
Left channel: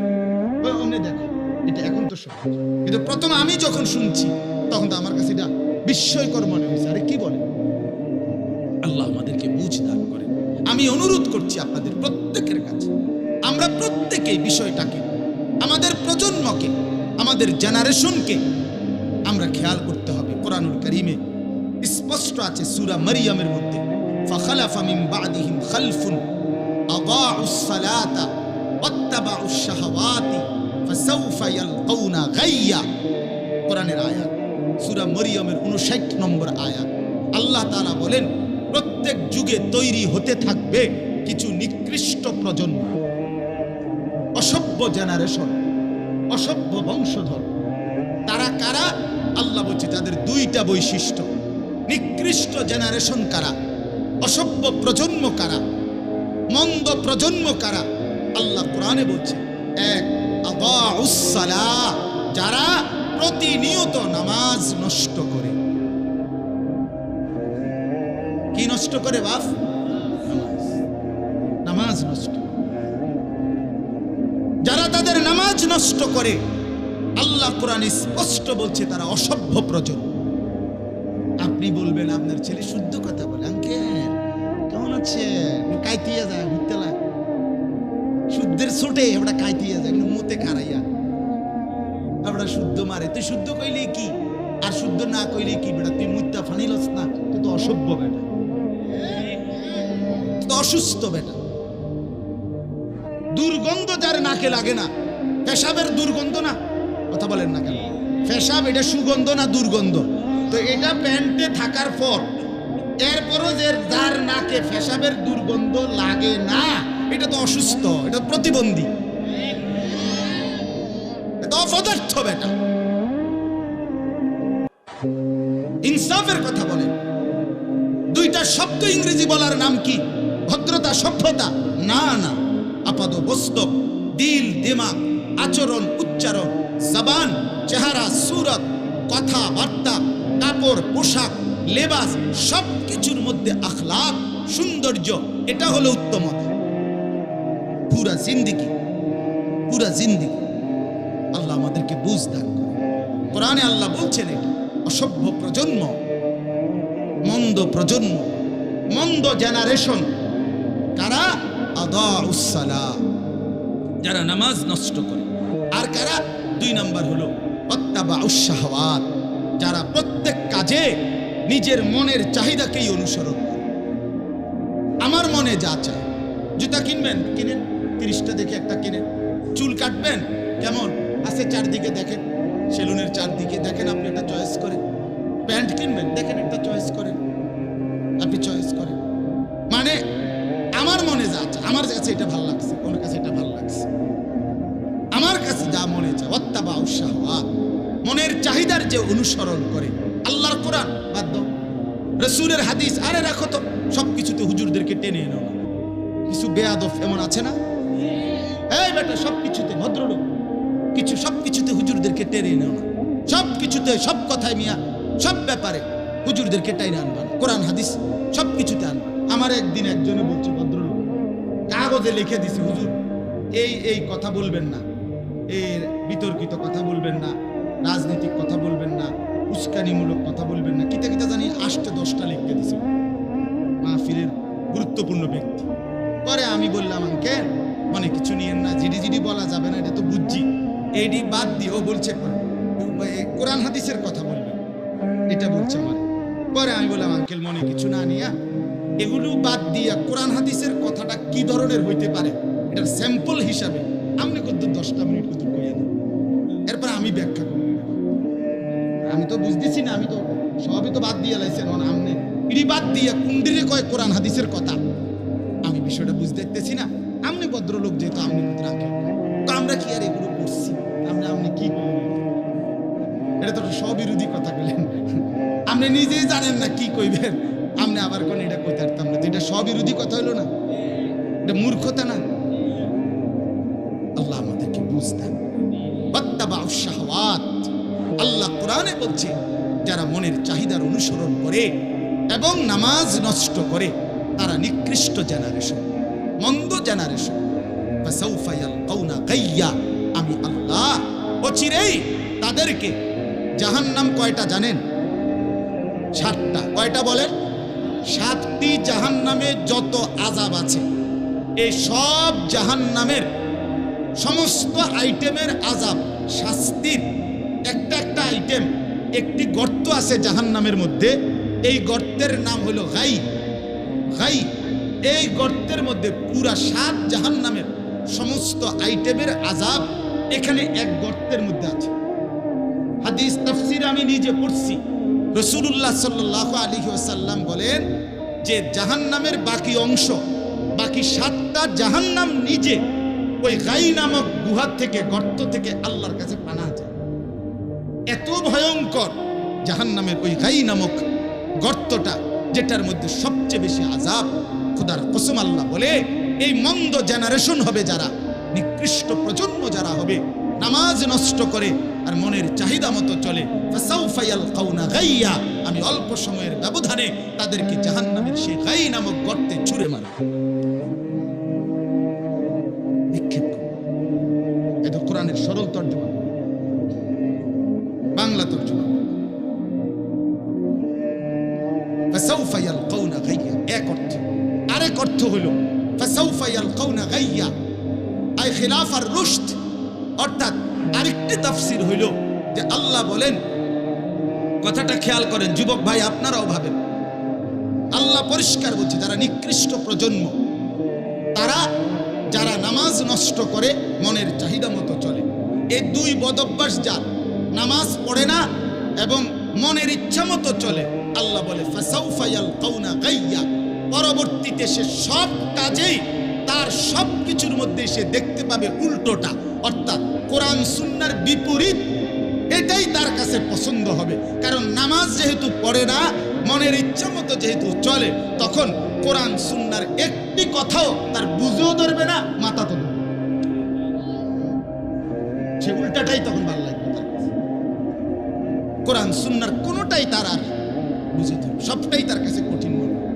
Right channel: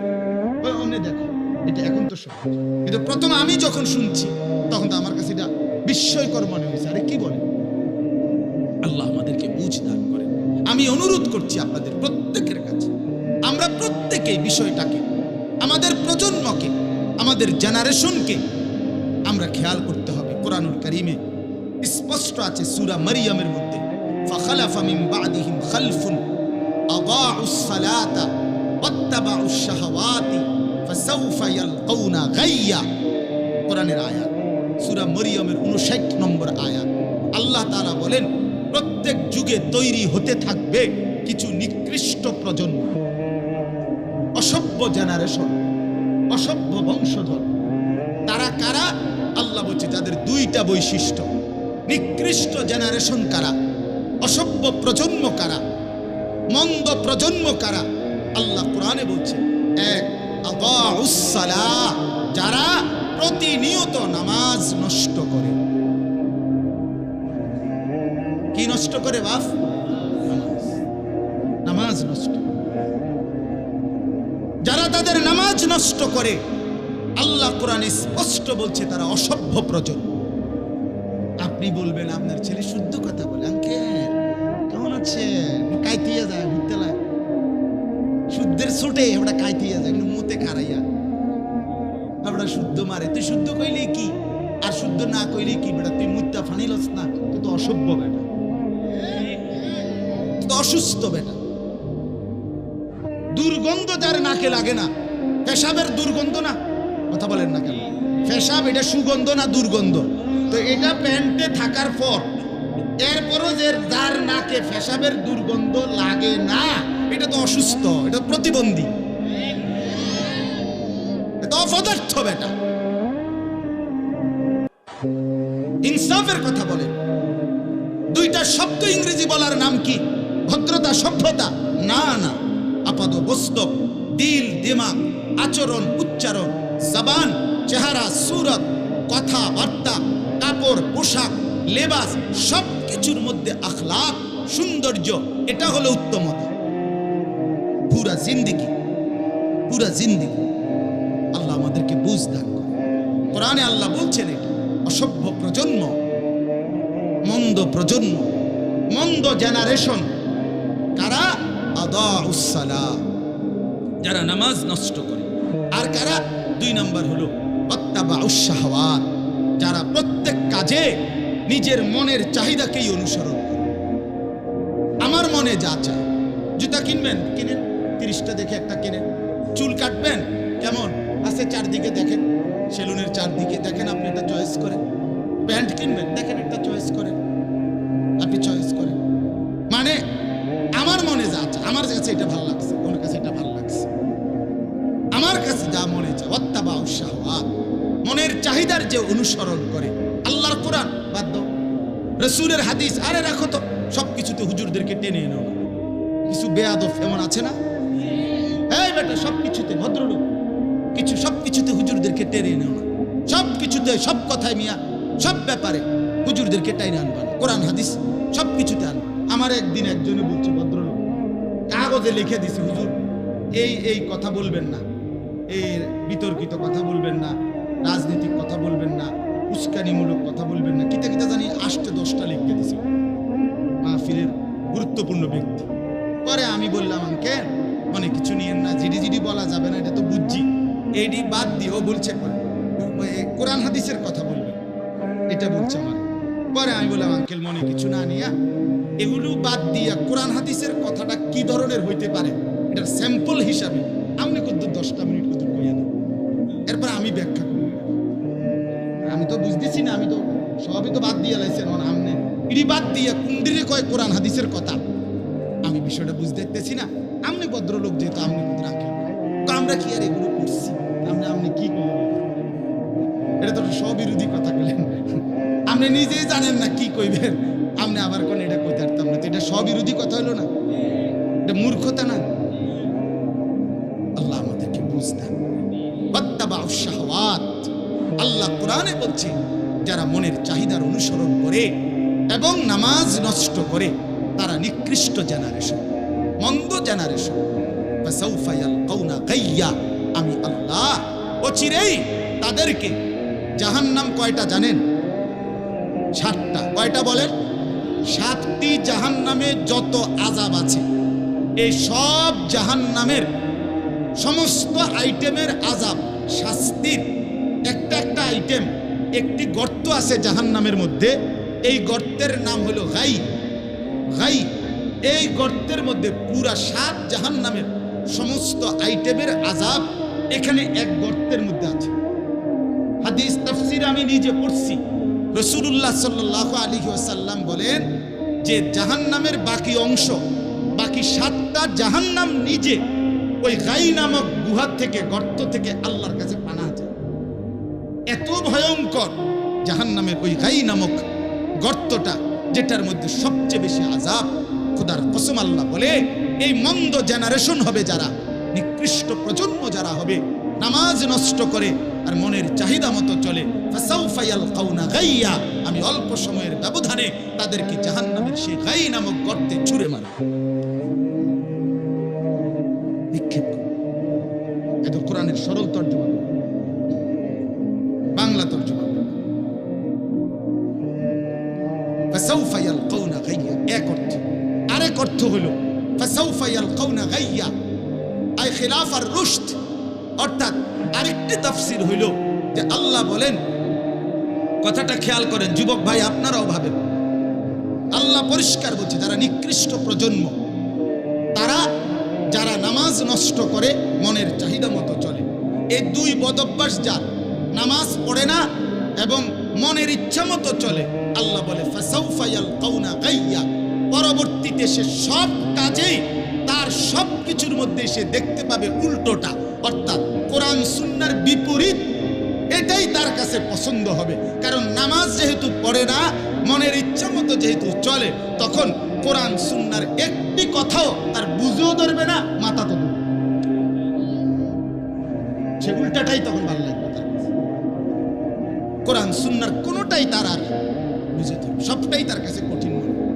অমনে দেখো। এটা এখন তো সহজ, কিন্তু প্রথম আমি যখন শুনছি তখন তো আমার কাছে এটা বিস্ময়কর মনে হয়েছে। আরে কি বলে? আল্লাহ আমাদেরকে বুঝ দান করেন। আমি অনুরোধ করছি আপনাদের প্রত্যেকের কাছে, আমরা প্রত্যেকেই বিষয়টাকে, আমাদের প্রজন্মকে, আমাদের জেনারেশনকে আমরা খেয়াল করতে হবে। কোরআনুল কারীমে স্পষ্ট আছে সূরা মারইয়ামের মধ্যে, ফাখালাফা মিন বাদিহিম খালফুন আদাউস সালাতা ওয়াত্তাবাউশ শাহাওয়াতি ফাসাউফা ইয়ালকাউনা গাইয়া। কোরআনের আয়াত, সূরা মারইয়ামের 59 নম্বর আয়াত। আল্লাহ তাআলা বলেন প্রত্যেক যুগে তৈরি হতে থাকবে কিছু নিকৃষ্ট প্রজন্ম, অসভ্য জেনারেশন, অসভ্য বংশধর। তারা কারা? আল্লাহ বলছে তাদের দুইটা বৈশিষ্ট্য। নিকৃষ্ট জেনারেশন কারা? অসভ্য প্রজন্ম কারা? মন্দ প্রজন্ম কারা? আল্লাহ কোরআনে বলছে, এক, আদাউস সালাহ, যারা প্রতিনিয়ত নামাজ নষ্ট করে। কি নষ্ট করে বাপ? নামাজ, নামাজ নষ্ট। যারা তাদের নামাজ নষ্ট করে, আল্লাহ কোরআনে স্পষ্ট বলছে তারা অসভ্য প্রজন্ম। আপনি বলবেন আপনার ছেলে শুদ্ধ কথা বলে, আঙ্কেল কেমন আছে, কাইতিয়া যায় ঘুরতেলা, শুদ্ধের ছোটে ওটা কাইতিয়া যায়, কিন্তু মুতে খারাইয়া আমরা শুদ্ধ মারে। তুই শুদ্ধ কইলে কি? আর শুদ্ধ না কইলে কি বেটা তুই মুত্তা ফানিলস না, তুই তো অসভ্য বেটা, তুই তো অসুস্থ বেটা। দুর্গন্ধ যার নাকে লাগে না, পেশাবের দুর্গন্ধ না, কথা বলেন না কেন? পেশাব এটা সুগন্ধ না দুর্গন্ধ? তো এটা প্যান্টে থাকার পর এরপরও যে যার নাকে পেশাবের দুর্গন্ধ লাগে না, এটা তো অসুস্থ, এটা প্রতিবন্ধী, এটা অপদার্থ বেটা। ইনসাফের কথা বলেন। দুইটা শব্দ ইংরেজি বলার নাম কি? ভদ্রতা, সভ্যতা? না না, আপাদ বস্তক, দিল, দিমাগ, আচরণ, উচ্চারণ, জবান, চেহারা, সুরত, কথাবার্তা, কাপড়, পোশাক, লেবাস, সব কিছুর মধ্যে আখলাক, সৌন্দর্য, এটা হলো উত্তমতা। পুরা জিন্দিগি, পুরা জিন্দিগি আল্লাহ আমাদেরকে বুঝ দান করে। কোরআনে আল্লাহ বলছেন এটা অসভ্য প্রজন্ম, মন্দ প্রজন্ম, মন্দ জেনারেশন কারা? আদাউস সালাহ, যারা নামাজ নষ্ট করে। আর কারা? 2 নাম্বার হলো ওয়াত্তাবাউস শাহওয়াত, যারা প্রত্যেক কাজে নিজের মনের চাহিদাকেই অনুসরণ করে। আমার মনে যা চায়, জুতা কিনবেন কিনেন, 30টা দেখে একটা কিনেন। চুল কাটবেন কেমন আছে চারদিকে দেখেন, সেলুনের চারদিকে দেখেন, আপনি একটা চয়েস করেন। প্যান্ট কিনবেন দেখেন, একটা চয়েস করেন, আপনি চয়েস করেন। মানে আমার মনে যা চায়, আমার কাছে এটা ভালো লাগছে, ওনার কাছে এটা ভালো লাগছে, আমার কাছে যা মনে চায়। ওয়াত্তাবাউস শাহওয়াত, মনের চাহিদার যে অনুসরণ করে। আল্লাহর কোরআন বাদ দাও, রাসূলের হাদিস আরে রাখো তো, সবকিছুতে হুজুরদেরকে টেনে এনো না। কিছু বেয়াদব এমন আছে না, এই বেটা সবকিছুতে ভদ্রলোক, কিছু সবকিছুতে হুজুরদেরকে টেনে এনো না। সবকিছুতে, সব কথায় মিয়া, সব ব্যাপারে হুজুরদেরকে টাইনে আনবা না। কোরআন হাদিস সবকিছুতে আনবা। আমার একদিন একজনে বলছে, ভদ্রলোক কাগজে লিখে দিছে, হুজুর এই এই কথা বলবেন না, এই বিতর্কিত কথা বলবেন না, রাজনৈতিক কথা বলবেন না, উস্কানিমূলক কথা বলবেন না, কিতা কিতা জানি 8-10টা লিখে দিছে মাহফিলের গুরুত্বপূর্ণ ব্যক্তি। পরে আমি বললাম, আঙ্কেল মনে কিছু নিয়েন না, জিডি জিডি বলা যাবে না, এটা তো বুঝছি, এইডি বাদ দিয়ে ও বলছে কোরআন হাদিসের কথা বলবেন, এটা বলছে আমার। পরে আমি বললাম, আঙ্কেল মনে কিছু না নিয়া এগুলো বাদ দিয়া কোরআন হাদিসের কথাটা কি ধরনের হইতে পারে এটার স্যাম্পল হিসাবে আপনি কত 10টা মিনিট কত কইয়া দেন, এরপর আমি ব্যাখ্যা করি। আমি তো বুঝতেছি না, আমি তো সবই তো বাদ দিয়ে লাইছেন, আমনে ইডি বাদ দিয়া কুন্ডিরে কয় কোরআন হাদিসের কথা, আমি বিষয়টা বুঝতে দেখতেছি না। আপনি ভদ্রলোক যেহেতু আপনি কোথায় আঙ্কেল, তো আমরা কি আর এগুলো করছি? আপনি কি করলেন? এটা তো স্ববিরোধী কথা বললেন, আপনি নিজেই জানেন না কি কইবেন, আপনি আবার কোন এটা কইতে পারতাম না, তো এটা স্ববিরোধী কথা হইলো না, এটা মূর্খতা না? আল্লাহ আমাদেরকে বুঝতেন। ওয়াত্তাবাউস শাহওয়াত, আল্লাহ কোরআনে বলছে যারা মনের চাহিদার অনুসরণ করে এবং নামাজ নষ্ট করে তারা নিকৃষ্ট জেনারেশন, মন্দ জেনারেশন। ফাসাউফা ইয়ালকাউনা গাইয়া, আমি আল্লাহ অচিরেই তাদেরকে জাহান্নাম, কয়টা জানেন? 7টা। কয়টা বলেন? 7টি জাহান্নামে যত আযাব আছে, এই সব জাহান্নামের সমস্ত আইটেমের আযাব, শাস্তির একটা একটা আইটেম, একটি গর্ত আছে জাহান্নামের মধ্যে, এই গর্তের নাম হলো গাই। গাই, এই গর্তের মধ্যে পুরা 7 জাহান্নামের সমস্ত আইটেমের আযাব এখানে এক গর্তের মধ্যে আছে। হাদিস তাফসীর আমি নিজে পড়ছি, রাসূলুল্লাহ সাল্লাল্লাহু আলাইহি ওয়াসাল্লাম বলেন যে জাহান্নামের বাকি অংশ, বাকি 7টা জাহান্নাম নিজে ওই গাই নামক গুহা থেকে, গর্ত থেকে আল্লাহর কাছে পানাহ চায়। এত ভয়ঙ্কর জাহান্নামের ওই গাই নামক গর্তটা, যেটার মধ্যে সবচেয়ে বেশি আযাব। খোদার কসম, আল্লাহ বলে এই মন্দ জেনারেশন হবে যারা, নিকৃষ্ট প্রজন্ম যারা হবে, নামাজ নষ্ট করে আর মনের চাহিদা মতো চলে। ফাসাউফা ইয়ালকাউনা গাইয়া, আমি অল্প সময়ের ব্যবধানে তাদেরকে জাহান্নামের সেই গাই নামক গর্তে ছুঁড়ে মারব, নিক্ষেপ করব। এটা কোরআনের সরল তর্জমা, বাংলা তর্জমা। ফাসাউফা ইয়ালকাউনা গাইয়া এক অর্থ, আরেক অর্থ হলো ফাসাউফা ইয়ালকাউনা গাইয়া আই খিলাফার রুশদ, অর্থাৎ আরেকটি তাফসীর হইল যে আল্লাহ বলেন কথাটা খেয়াল করেন যুবক ভাই, আপনারাও ভাবেন। আল্লাহ পরিষ্কার বলছে, যারা নিকৃষ্ট প্রজন্ম তারা যারা নামাজ নষ্ট করে, মনের চাহিদা মতো চলে। এই দুই বদভ্যাস, যার নামাজ পড়ে না এবং মনের ইচ্ছা মতো চলে, আল্লাহ বলে ফাসাউফা ইয়ালকাউনা গাইয়া, পরবর্তীতে সে সব কাজেই তার সব কিছুর মধ্যে সে দেখতে পাবে উল্টোটা, অর্থাৎ কোরআন সুন্নাহর বিপরীত। এটাই তার কাছে পছন্দ হবে। কারণ নামাজ যেহেতু পড়ে না, মনের ইচ্ছা মতো যেহেতু চলে, তখন কোরআন সুন্নাহর একটি কথাও তার বুঝেও ধরবে না, মাথা তো ধরবে, সে উল্টাটাই তখন ভালো লাগবে তার কাছে। কোরআন সুন্নাহর কোনোটাই তার আর বুঝে ধরবে, সবটাই তার কাছে কঠিন মনে হবে।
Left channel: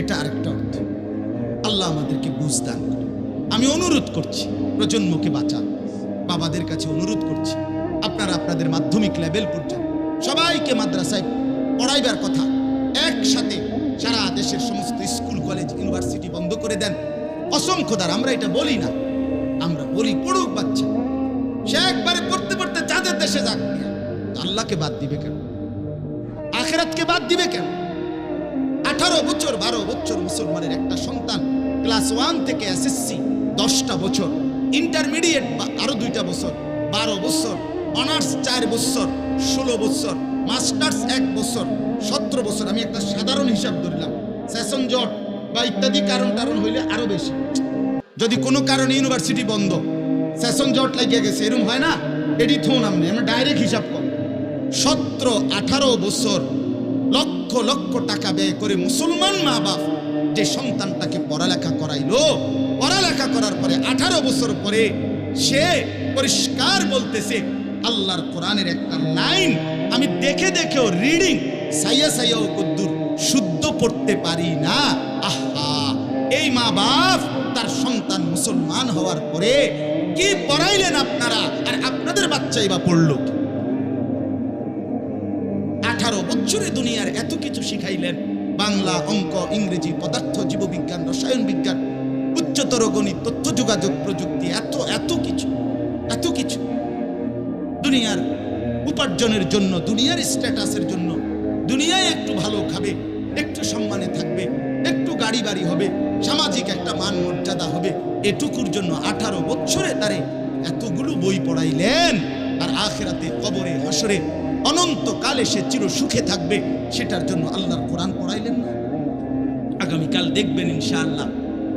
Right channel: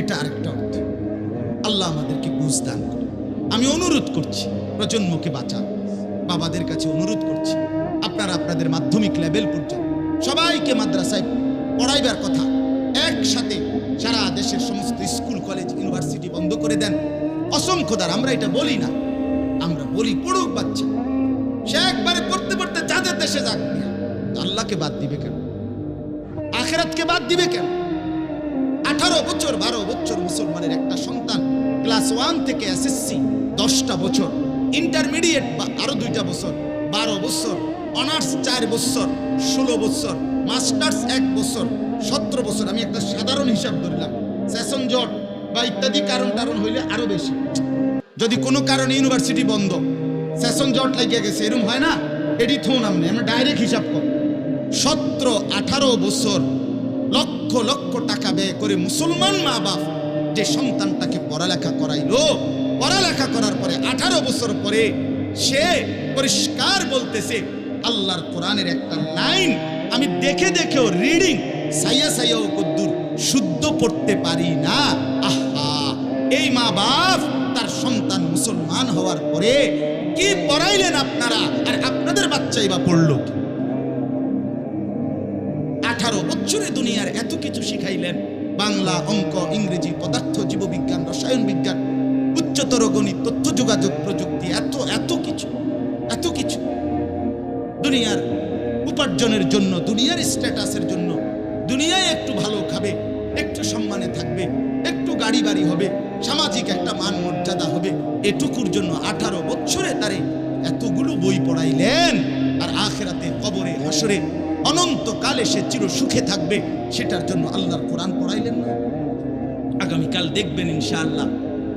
এটা আরেকটা অর্থ। আল্লাহ আমাদেরকে বুঝ দান করে। আমি অনুরোধ করছি, প্রজন্মকে বাঁচান। বাবাদের কাছে অনুরোধ করছি, আপনারা আপনাদের মাধ্যমিক লেভেল পর্যন্ত সবাইকে মাদ্রাসায় পড়াইবার কথা। একসাথে সারা দেশের সমস্ত স্কুল কলেজ ইউনিভার্সিটি বন্ধ করে দেন। অসংখ্য দ্বার আমরা এটা বলি না, আমরা বলি পড়ুক বাচ্চা, সে একবারে পড়তে পড়তে যাদের দেশে যাক, আল্লাহকে বাদ দিবে কেন? আখিরাতকে বাদ দিবে কেন? 18 বছর 12 বছর মুসলমানের একটা সন্তান ক্লাস 1 থেকে এসএসসি 10টা বছর, ইন্টারমিডিয়েট আরো 2টা বছর, 12 বছর, অনার্স 4 বছর, 16 বছর, মাস্টার্স 1 বছর, 17 বছর। আমি একটা সাধারণ হিসাব ধরলাম, সেশন জট বা ইত্যাদি কারণ হইলে আরো বেশি। যদি কোনো কারণে ইউনিভার্সিটি বন্ধ, সেশন জট লাগিয়ে গেছে, এরকম হয় না, এটি থো নামনে আমরা ডাইরেক্ট হিসাব কর। 17-18 বছর লক্ষ লক্ষ টাকা ব্যয় করে মুসলমান মা বাপ যে সন্তানটাকে পড়ালেখা করাইলো, পড়ালেখা করার পরে 18 বছর পরে সে পরিষ্কার বলতেছে, আল্লাহর কোরআনের একটা লাইন আমি দেখে দেখেও রিডিং সাইয়াও কদ্দুর শুদ্ধ পড়তে পারি না। আহা, এই মা বাপ তার সন্তান মুসলমান হওয়ার পরে কি পড়াইলেন আপনারা, আর আপনাদের বাচ্চাই বা পড়লো কি? 18 বছরে দুনিয়ার এত কিছু শিখাইলেন, বাংলা, অঙ্ক, ইংরেজি, পদার্থ, জীববিজ্ঞান, রসায়ন বিজ্ঞান, উচ্চতর গণিত, তথ্য যোগাযোগ প্রযুক্তি, এত কিছু দুনিয়ার উপার্জনের জন্য, দুনিয়ার স্ট্যাটাসের জন্য, দুনিয়ায় একটু ভালো খাবে, একটু সম্মানে থাকবে, একটু গাড়ি বাড়ি হবে, সামাজিক একটা মান মর্যাদা হবে, এটুকুর জন্য 18 বছরে তারে এতগুলো বই পড়াইলেন। আর আখিরাতে, কবরে, হাসরে অনন্তকালে সে চির সুখে থাকবে, সেটার জন্য আল্লাহর কোরআন পড়াইলেন না? আগামীকাল দেখবেন ইনশাআল্লাহ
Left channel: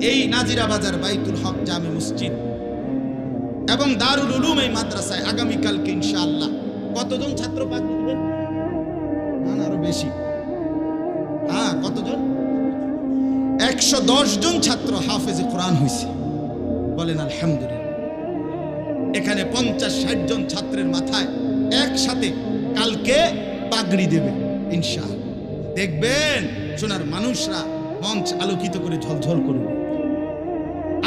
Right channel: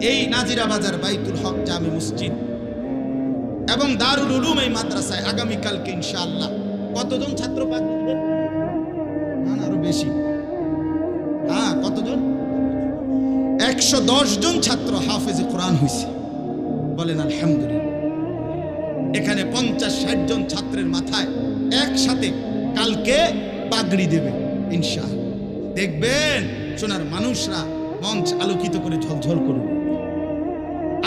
এই নাজিরা বাজার বাইতুল হক জামে মসজিদ এবং দারুল উলুম এই মাদ্রাসায় আগামীকালকে ইনশাআল্লাহ কতজন ছাত্র পাগড়ি দিবেন? না আরো বেশি। হ্যাঁ, কতজন? 110 জন ছাত্র হাফেজে কোরআন হয়েছে, বলেন আলহামদুলিল্লাহ। এখানে 50-60 জন ছাত্রের মাথায় একসাথে কালকে পাগড়ি দেবে ইনশাআল্লাহ। দেখবেন সোনার মানুষরা মঞ্চ আলোকিত করে ঝলঝল করবে,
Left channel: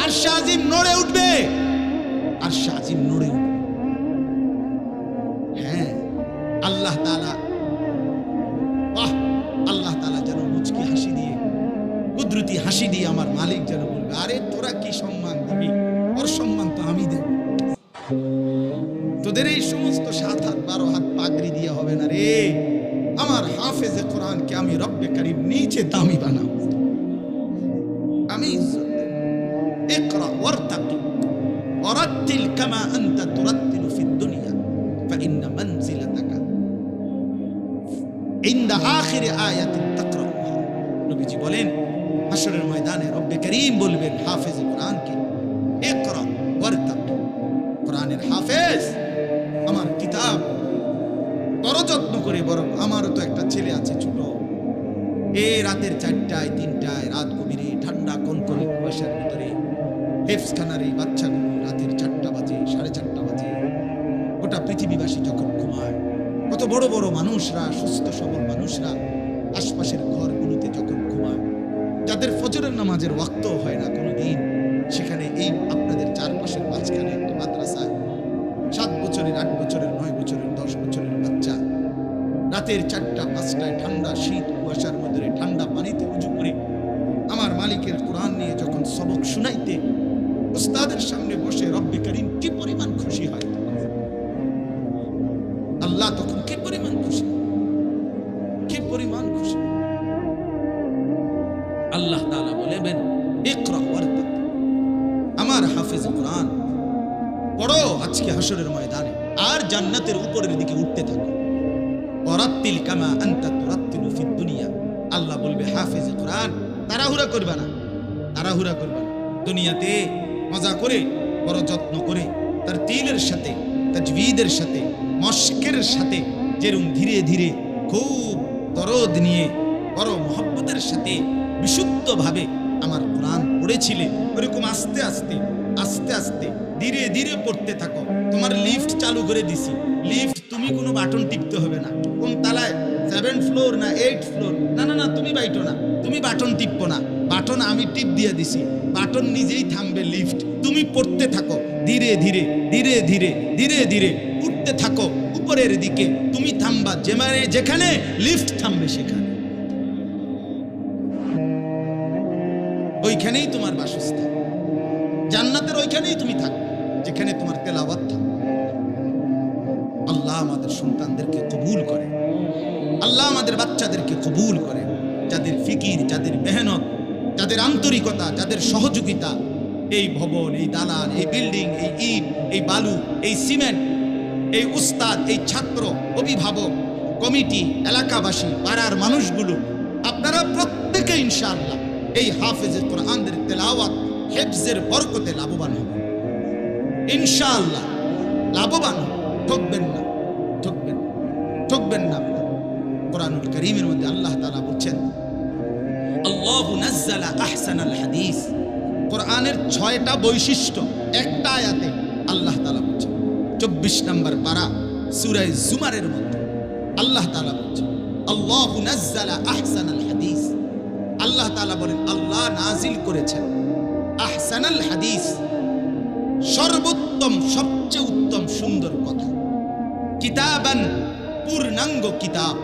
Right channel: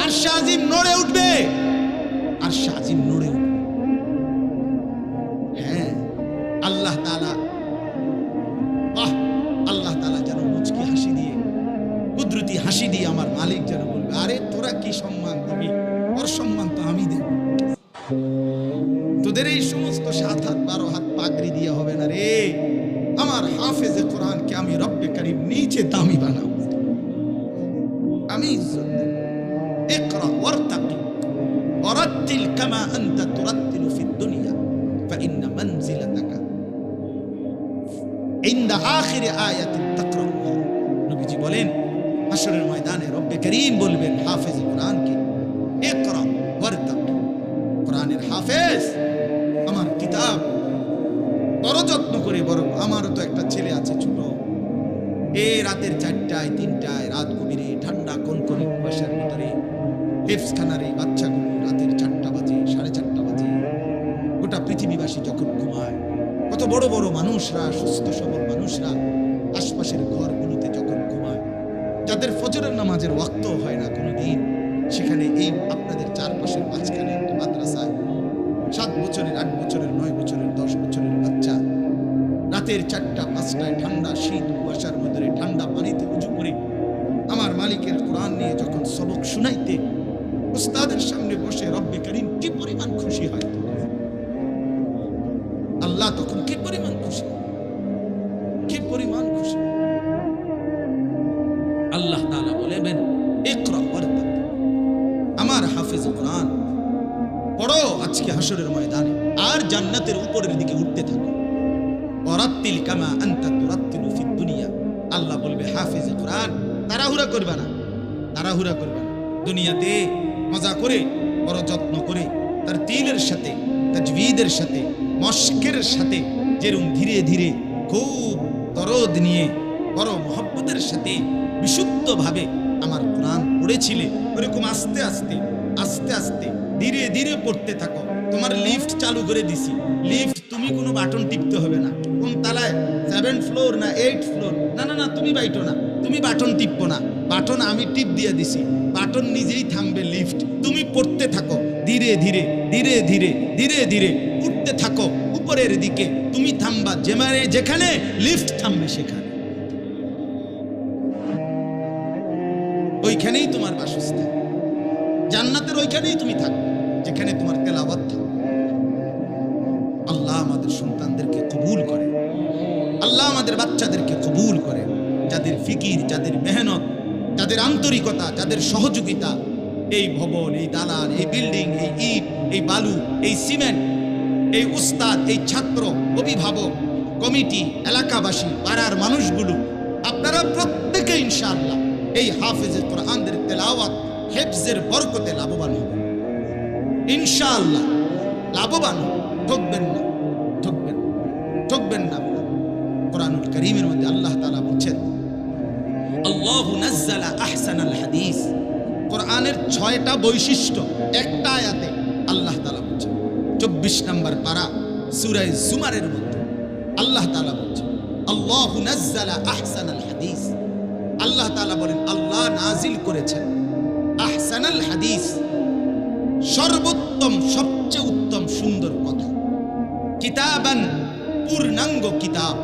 আরশ আজিম নড়ে উঠবে, আরশ আজিম নড়ে উঠবে। হ্যাঁ, আল্লাহ তাআলা, বাহ, আল্লাহ তাআলা যেন মুচকি হাসি দিয়ে, কুদরতি হাসি দিয়ে আমার মালিক যেন বলবে, আরে তোরা কি সম্মান দিবি, ওর সম্মান তো আমি দেব। তোদের এই সমস্ত 7 হাত 12 হাত পাগড়ি দিয়ে হবে না রে, আমার হাফেজে কোরআনকে আমি রব্বে কারীম নিচে দামি বানাবো, আমি ইজ্জত দেব। ইকরা ওয়ারতাকি ওয়ারাত্তিল কামা আনতা তুরাত্তিলু ফিদ দুনিয়া ফাইন্না মানজিলাতাকা ইনদা আখির আয়াতিন তাকরাউহা। নবীজি বলেন, হাশরের ময়দানে রব্বে কারীম বলবেন হাফেজে কোরআনকে, ইকরা ওয়ারতাকি, কোরআনের হাফেজ, আমার কিতাব বড় যত্ন করে, বড়। আমারও তো একটা ছেলে আছে ছোট, এই রাতের 4টায় 3টায় রাত গভীরে ঠান্ডা কনকনে কুয়াশার ভিতরে হেফসখানার এই বাচ্চাগুলো রাতের 4টা বাজে, 4:30 বাজে, গোটা পৃথিবীবাসী যখন ঘুমায়, কত বড় বড় মানুষরা, সুস্থ সবল মানুষরা আশপাশের ঘরগুলোতে যখন ঘুমায়, যাদের ফজরের নামাজের ওয়াক্ত হয় না কোনো দিন, সেখানে এই আপনাদের চারপাশের মাঝখানে একটা মাদ্রাসায় 7 বছরের, 8 বছরের, 9 বছরের, 10 বছরের বাচ্চা রাতের 4টা 5টায় ঠান্ডা শীত কুয়াশার মধ্যে ঠান্ডা পানিতে উজু করে আমার মালিকের কোরআন নিয়ে যখন সবক শুনাইতে উস্তাদের সামনে বসে, রব্বে কারীম কি পরিমাণ খুশি হয়, আল্লাহ তখন কি পরিমাণ খুশি। আল্লাহ তাআলা বলেন ইকরা ওয়ারতাক, আমার হাফেজ কোরআন পড়ো আজকে হাসরের ময়দানে, আর জান্নাতের উপরের দিকে উঠতে থাকো। ওয়ারাত্তিল কামা আনতা তুরাত্তিলু ফিদ দুনিয়া, আল্লাহ বলবে হাফেজ কোরআন তাড়াহুড়া করবে না, তাড়াহুড়া করবে না। দুনিয়াতে মজা করে বড় যত্ন করে তার তিলের সাথে তাজবিদের সাথে মশকের সাথে যেরকম ধীরে ধীরে খুব দরদ নিয়ে বড় মহব্বতের সাথে বিশুদ্ধভাবে আমার কোরআন পড়েছিলে, ওরকম আস্তে আস্তে আস্তে আস্তে ধীরে ধীরে পড়তে থাকো। তোমার লিফট চালু করে দিছি, লিফট তুমি কোনো বাটন টিপতে হবে না। কোন তালায় 7 ফ্লোর না 8 ফ্লোর, না না না, তুমি বাইটো না, তুমি বাটন টিপবো না, বাটন আমি টিপ দিয়ে দিছি, বাটন নিজেই থামবে। লিফট তুমি পড়তে থাকো, ধীরে ধীরে ধীরে ধীরে ধীরে ধীরে উঠতে থাকো উপরের দিকে। তুমি থামবা যেখানে লিফট থামবে সেখানে, ওইখানেই তোমার বাসস্থান। জান্নাতের ওইখানেই তুমি থাকবে যেখানে তোমার তেলাওয়াত থাকবে। আল্লাহ আমাদের সন্তানদেরকে কবুল করে, আল্লাহ আমাদের বাচ্চাদেরকে কবুল করে, যাদের ফিকির, যাদের মেহনত, যাদের আন্তরিকতা, যাদের সহযোগিতা, এই ভবন, এই দালান, এই বিল্ডিং, এই ইট, এই বালু, এই সিমেন্ট, এই উস্তাদ, এই ছাত্র, অভিভাবক, কমিটি, এলাকাবাসী, পাড়ার মানুষগুলো, আপনারা প্রত্যেকে ইনশাআল্লাহ এই হাফেজের কোরআনের তেলাওয়াত হেফজের বরকতে লাভবান হবেন ইনশাআল্লাহ, লাভবান হবেন। ঠকবেন না, ঠকবেন ঠকবেন না। কোরআনুল কারীমের মধ্যে আল্লাহ তাআলা বলছেন আল্লাহু নাজ্জালা আহসানাল হাদিস, কোরআনের 6টা বৈশিষ্ট্য একটা আয়াতে আল্লাহ তাআলা বলছেন। 24 নম্বর পারা সূরা জুমারের মধ্যে আল্লাহ তাআলা বলছেন আল্লাহু নাজ্জালা আহসানাল হাদিস, আল্লাহ তাআলা বলেন আল্লাহ নাজিল করেছেন আহসানাল হাদিস, সর্বোত্তম সবচেয়ে উত্তম সুন্দর কথা, কিতাবান পূর্ণাঙ্গ কিতাব,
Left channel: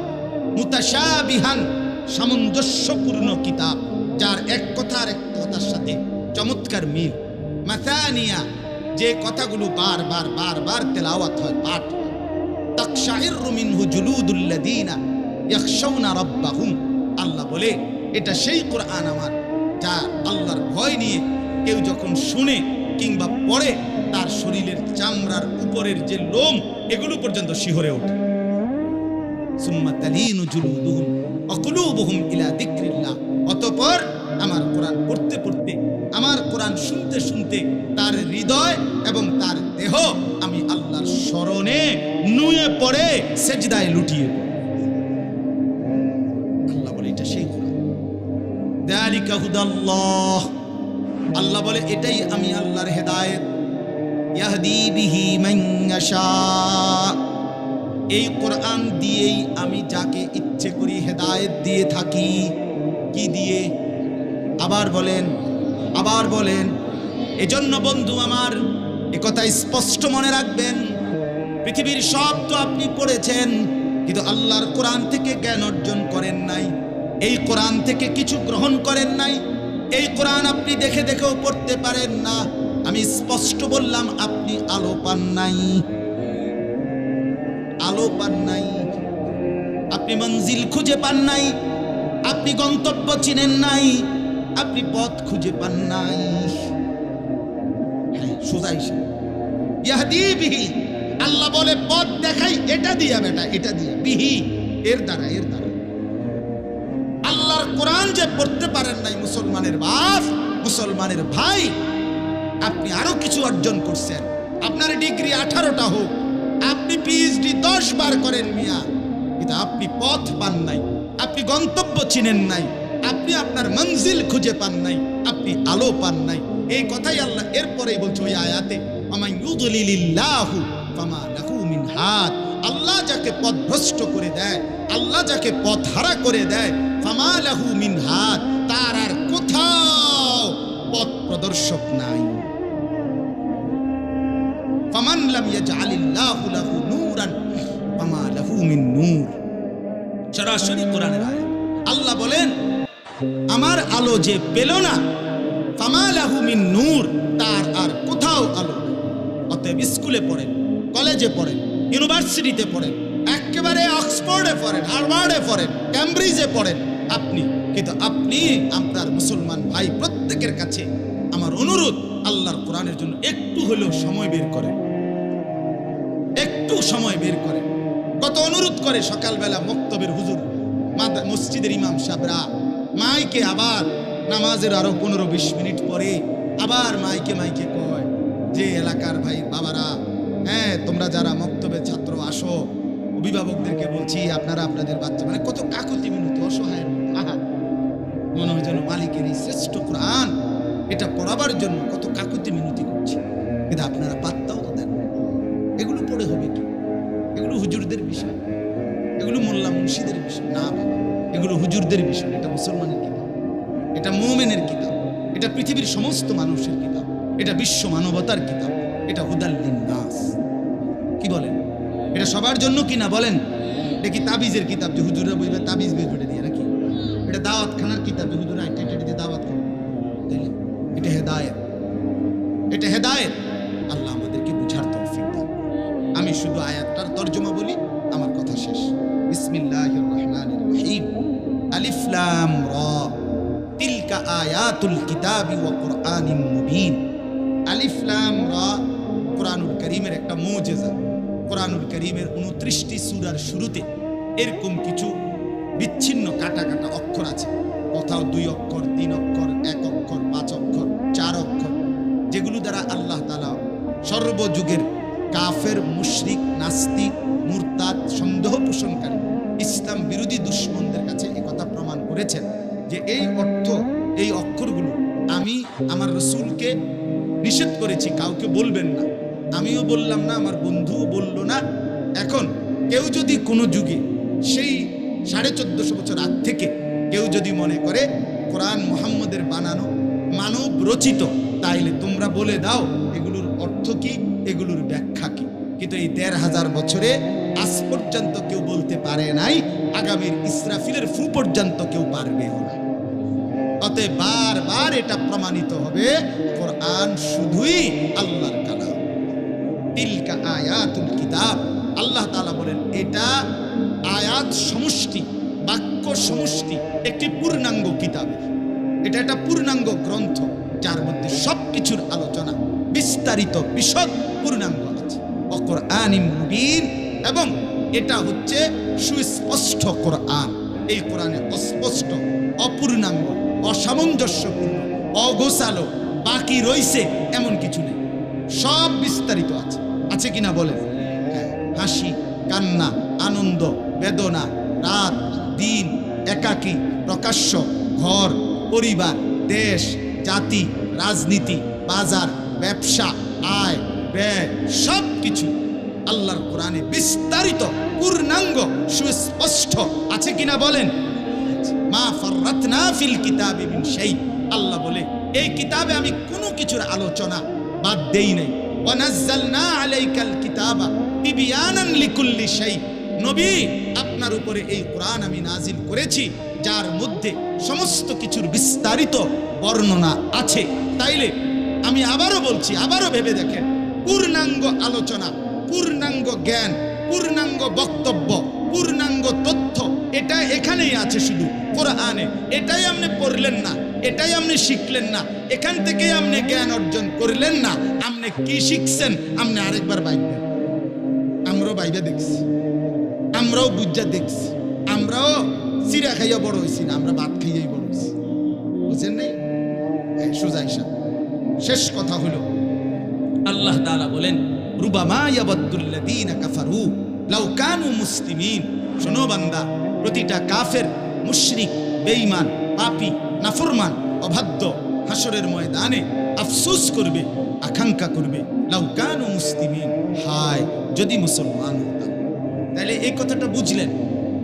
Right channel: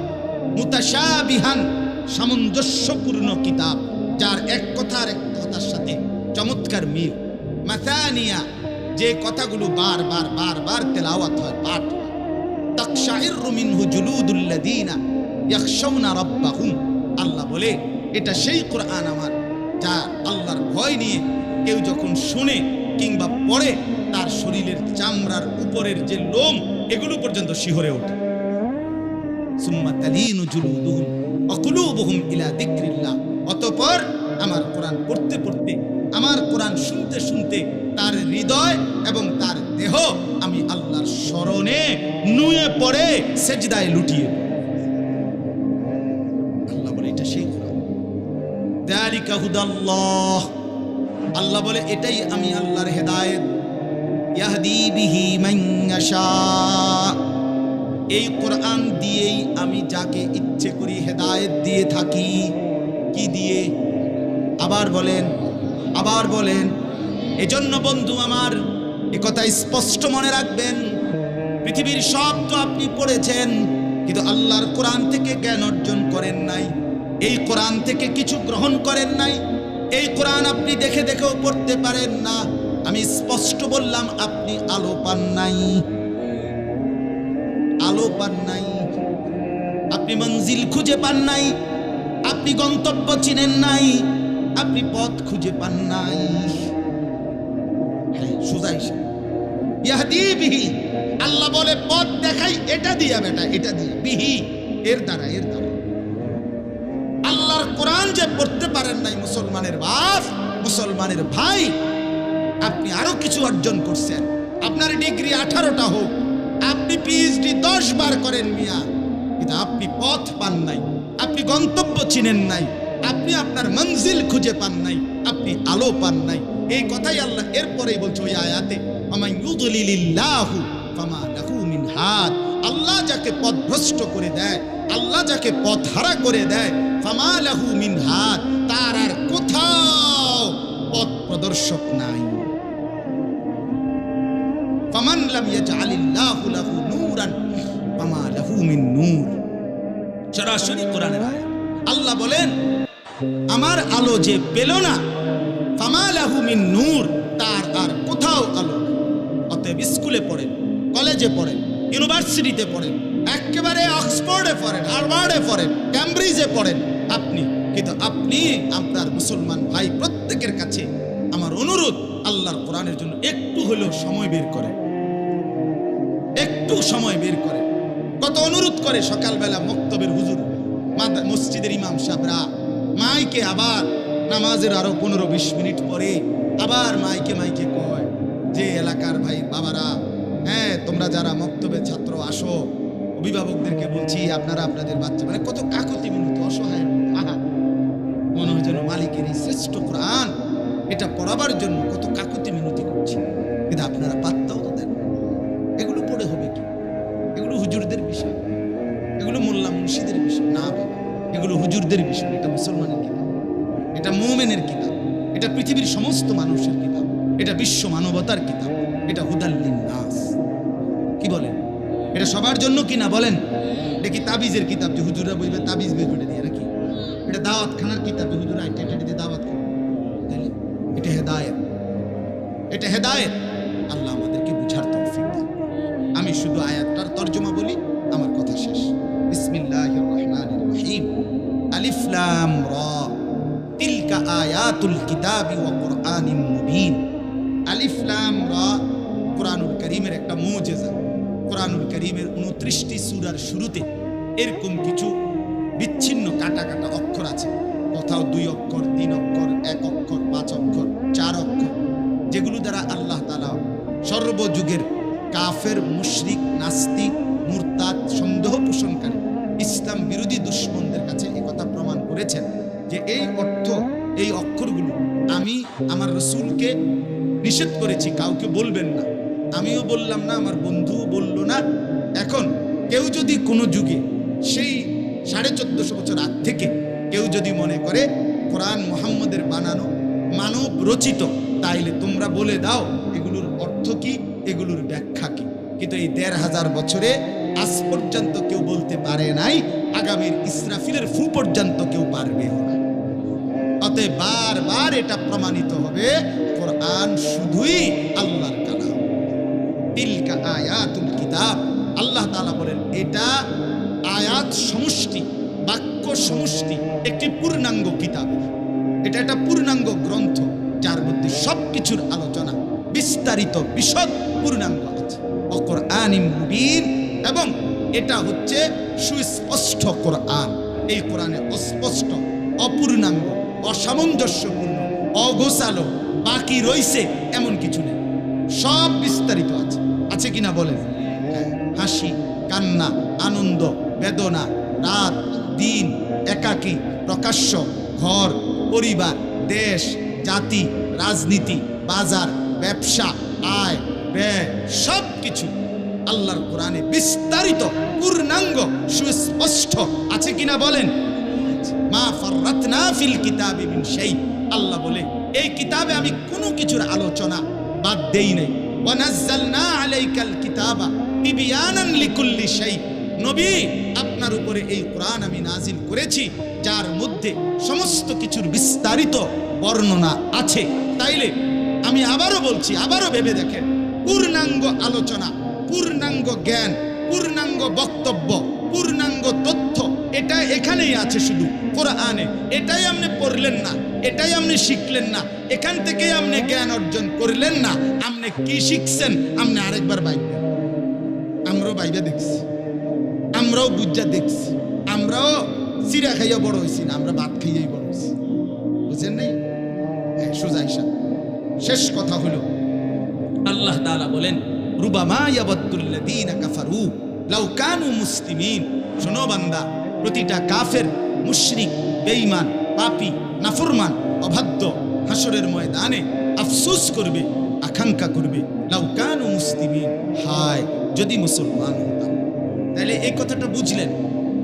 মুতাশাবিহান সামঞ্জস্যপূর্ণ কিতাব, যার এক কথার এক কথার সাথে চমৎকার মিল, মাসানিয়া যে কথাগুলো বারবার বারবার তেলাওয়াত হয়, পাঠ হয়, তাকশাইরু মিনহু জুলুদুল্লাযিনা ইয়াখশাউনা রাব্বাহুম, আল্লাহ বলে এটা সেই কোরআন আমার যা আল্লাহর ভয় নিয়ে কেউ যখন শুনে কিংবা পড়ে তার শরীরের চামড়ার উপরের যে লোম এগুলো পর্যন্ত শিহরে ওঠে। সুম্মা তালিনু জুলুদুহুম ওয়া কুলুবুহুম ইলা যিকরিল্লাহ, অতঃপর আমার কোরআন পড়তে পড়তে, আমার কোরআন শুনতে শুনতে তার হৃদয় এবং তার দেহ আমি আল্লাহর স্মরণে নুয়ে পড়ে, সেজদায় লুটিয়ে পড়ে। আল্লাহ বলে এটা সেই কোরআন। যালিকা হুদাল্লাহ, আল্লাহ বলে এটাই আমি আল্লাহর হেদায়েত। ইয়াহদি বিহি মান ইয়াশা, এই কোরআন দিয়েই আমি যাকে ইচ্ছে করি হেদায়েত দিয়ে থাকি। কি দিয়ে? আবার বলেন, আবার বলেন। এজন্য বন্ধু আমার একথা স্পষ্ট মনে রাখবেন, পৃথিবীর সব তো আপনি পড়েছেন, কিন্তু আল্লাহর কোরআন থেকে জ্ঞান অর্জন করেন নাই, এই কোরআন থেকে কিছু গ্রহণ করেন নাই, এই কোরআন আপনি দেখে দেখেও পড়তে পারেন না। আমি স্পষ্ট বললাম, আপনি আলো পান নাই, আলো পান নাই, আপনি মঞ্জিল খুঁজে পান নাই, আপনি গন্তব্য চিনেন নাই, আপনি পথ খুঁজে পান নাই। হ্যাঁ, সোজাই ইয়াহদি বিহি, আল্লাহ বলে পথ দেখাই এটা দিয়া বেটা, এটা দিয়া, বিহি এর দ্বারা, এর দ্বারা। আল্লাহর কোরআন যে পড়তে পারেন নাই মুসলমানের বাপ, মুসলমানের ভাই, আপনি আরো কিছু অর্জন করছেন। আপনার ডিগ্রি 18টা হোক, আপনি পিএইচডি 10 বার করেন মিয়া, কিন্তু আপনি পথ পান নাই, আপনি গন্তব্য চিনেন নাই, আপনি আপনার মঞ্জিল খুঁজে পান নাই, আপনি আলো পান নাই। এই কথাই আল্লাহ এরপরেই বলছে ওই আয়াতে, আমায় ইউদলিলিল্লাহু ফামা লাহু মিন হাদ, আল্লাহ যাকে পথভ্রষ্ট করে দেয়, আল্লাহ যাকে পথহারা করে দেয়, ফামা লাহু মিন হাদ, তার আর কোথাও পথ প্রদর্শক নাই। ফামান লাম ইয়াজআলিল্লাহু লাহু নূরান ফামা লাহু মিন নূর। সরাসরি কোরআনের আয়াত। আল্লাহ বলেন আমার আলো যে পেল না, ফামা লাহু মিন নূর, তার আর কোথাও আলো নেই। অতএব স্কুলে পড়েন, কলেজে পড়েন, ইউনিভার্সিটিতে পড়েন, একেবারে অক্সফোর্ডে পড়েন, হার্ভার্ডে পড়েন, ক্যামব্রিজে পড়েন, আপনি কিন্তু আপনি আপনার মুসলমান ভাই প্রত্যেকের কাছে আমার অনুরোধ, আল্লাহর কোরআনের জন্য একটু হলেও সময় বের করেন, একটু সময় বের করেন। কত অনুরোধ করে সকালবেলা মক্তবের হুজুর, মসজিদের ইমাম সাহেবরা মাইকে আবার নামাজের আরো 15-20 মিনিট পরে আবার মাইকে কয় যে এলাকার ভাই বাবারা, হ্যাঁ তোমরা যারা মক্তবের ছাত্র আসো, অভিভাবকদেরকে বলছি আপনারা আপনাদের বাচ্চা, মানে কত কাকুতি মিনতি, অসহায়ের মতো। আহা, মনে হয় যেন মালিকের এই শ্রেষ্ঠ কোরআন এটা পড়াবার জন্য কত কাকুতি মিনতি করছে, কিন্তু আপনারা পাত্তাও তো দেন। এগুলো পড়ে হবে কি? এগুলো হুজুরদের বিষয়, এগুলো মোল্লা মুন্সিদের বিষয় না বাবা, এগুলো হুজুরদের বিষয়। এটা মুসলমানের কিতাব, এটা মুমিনের কিতাব, এটা পৃথিবীর সমস্ত মানুষের কিতাব, এটা বিশ্ব মানবতার কিতাব, এটা হুদাল্লিন নাস। কি বলেন? এটা সবার জন্য কি না বলেন? এটা কি তাবিজের কিতাব যে হুজুররা বইবে তাবিজ বেজে দিয়ে নাকি? এটা দাওয়াত খানার কিতাব যে হুজুরা এটা দিয়ে দাওয়াত খান? তাইলে এটা হেদায়েত, এটা হেদায়েত। আল্লাহ আমাদেরকে বুঝার তৌফিক দেন। আমি শুধু আয়াতটার তর্জমা বলি, আমার কথা শেষ। বিসমিল্লাহির রহমানির রহিম। আলিফ লাম রা তিলকা আয়াতুল কিতাবি ওয়া কুরআনিম মুবিন। আলিফ লাম রা কুরআনুল কারীমের একটা মুজিজা। কুরআনুল কারীমের 29টি সূরার শুরুতে এরকম কিছু বিচ্ছিন্ন কাটা কাটা অক্ষর আছে। কোথাও 2 অক্ষর, 3 অক্ষর, 1 অক্ষর, 5 অক্ষর, 4 অক্ষর, যেগুলো দ্বারা আল্লাহ তাআলা সর্বযুগের কাফের, মুশরিক, নাস্তিক, মুরতাদ, সন্দেহ পোষণকারী, ইসলাম বিরোধী দুশমনদের কাছে এই কথা প্রমাণ করেছেন যে এই অর্থ, এই অক্ষরগুলো আমি আমার রাসূলকে নিষেধ করেছি, কাউকে বলবেন না। আমিও বললাম না, আমার বন্ধুও বলল না। এখন কেউ যদি কোনো যুগে সেই 1450 বছর আগ থেকে কেউ যদি মনে করে কোরআন মুহাম্মদের বানানো, মানব রচিত, তাইলে তোমরা বলে দাও এগুলোর অর্থ কি, এগুলোর ব্যাখ্যা কি। কিন্তু এই 1500 বছরে আজ পর্যন্ত কেউ বলতে পারে নাই, আগামীর ইসরাফিলের ফু পর্যন্ত কেউ পারবেও না। অতএব বারবার এটা প্রমাণিত হবে কোরআন শুধুই আল্লাহর কালাম। তিলকা আয়াতুল কিতাব, আল্লাহ তাআলা বলেন এটা আয়াত সমষ্টি, বাক্য সমষ্টি, একটি পূর্ণাঙ্গ কিতাবের। এটা একটা পূর্ণাঙ্গ গ্রন্থ যার মধ্যে সবকিছুর আলোচনা, বিস্তারিত বিশদ পূর্ণাঙ্গ আছে। ও কুরআনিম মুবিন, এবং এটা হচ্ছে সুস্পষ্ট কোরআন। এই কোরআনে অস্পষ্ট, অপূর্ণাঙ্গ, অসামঞ্জস্যপূর্ণ, অগোছালো, বাকি রইছে এমন কিছু নেই, সব বিস্তারিত আছে। আছে কিনা বলেন? হ্যাঁ, হাসি, কান্না, আনন্দ, বেদনা, রাত, দিন, একাকী, প্রকাশ্য, ঘর, পরিবার, দেশ, জাতি, রাজনীতি, বাজার, ব্যবসা, আয়, ব্যয়, সব কিছু আল্লাহর কোরআনে বিস্তারিত, পূর্ণাঙ্গ, সুস্পষ্ট। আছে কিনা বলেন? মা ফাররাতনা ফিল কিতাবি মিন শাই। আল্লাহ বলে এই কিতাবে আমি কোনো কিছুর আলোচনা বাদ দেই নাই। ওয়া নাযালনা আলাইকাল কিতাবা তিবয়ানান লিকুল্লি শাই। নবী, আপনার উপরে এই কোরআন আমি নাজিল করেছি যার মধ্যে সমস্ত কিছুর বিস্তারিত বর্ণনা আছে। তাইলে আমি আবারও বলছি, আবারও ভেবে দেখেন, পূর্ণাঙ্গ আলোচনা, পূর্ণাঙ্গ জ্ঞান, পূর্ণাঙ্গ বক্তব্য, পূর্ণাঙ্গ তথ্য এটা এখানেই আছে শুধু কোরআনে। এটাই আপনি পড়লেন না, এটাই আপনি শিখলেন না, এখান থেকেই আপনি জ্ঞান অর্জন করলেন না, আপনি কি শিখছেন আপনি আরেকবার বাইবেন। আমরাও বাইবে দেখছি, আমরাও বুঝা দেখছি, আমরাও চিরা খাইয়া বড় হয়েছি না, আমরা ভাত খাইয়াই বড় হয়েছি। বুঝছেন নাই? সোজা হিসাব। শেষ কথা হলো আল্লাহ তাআলা বলেন রুবামা ইয়াবাদুল্লাযীনা কাফারু লাউ কানু মুসলিমিন। শোনো বান্দা, প্রতিটা কাফের, মুশরিক, বেঈমান, পাপী, নাফরমান, অবাধ্য হাসরের ময়দানে আফসোস করবে, আকাঙ্ক্ষা করবে, লাউ কানু মুসলিমিন, হায় যদি মুসলমান হতাম। তাহলে এই কথাটা বুঝলেন?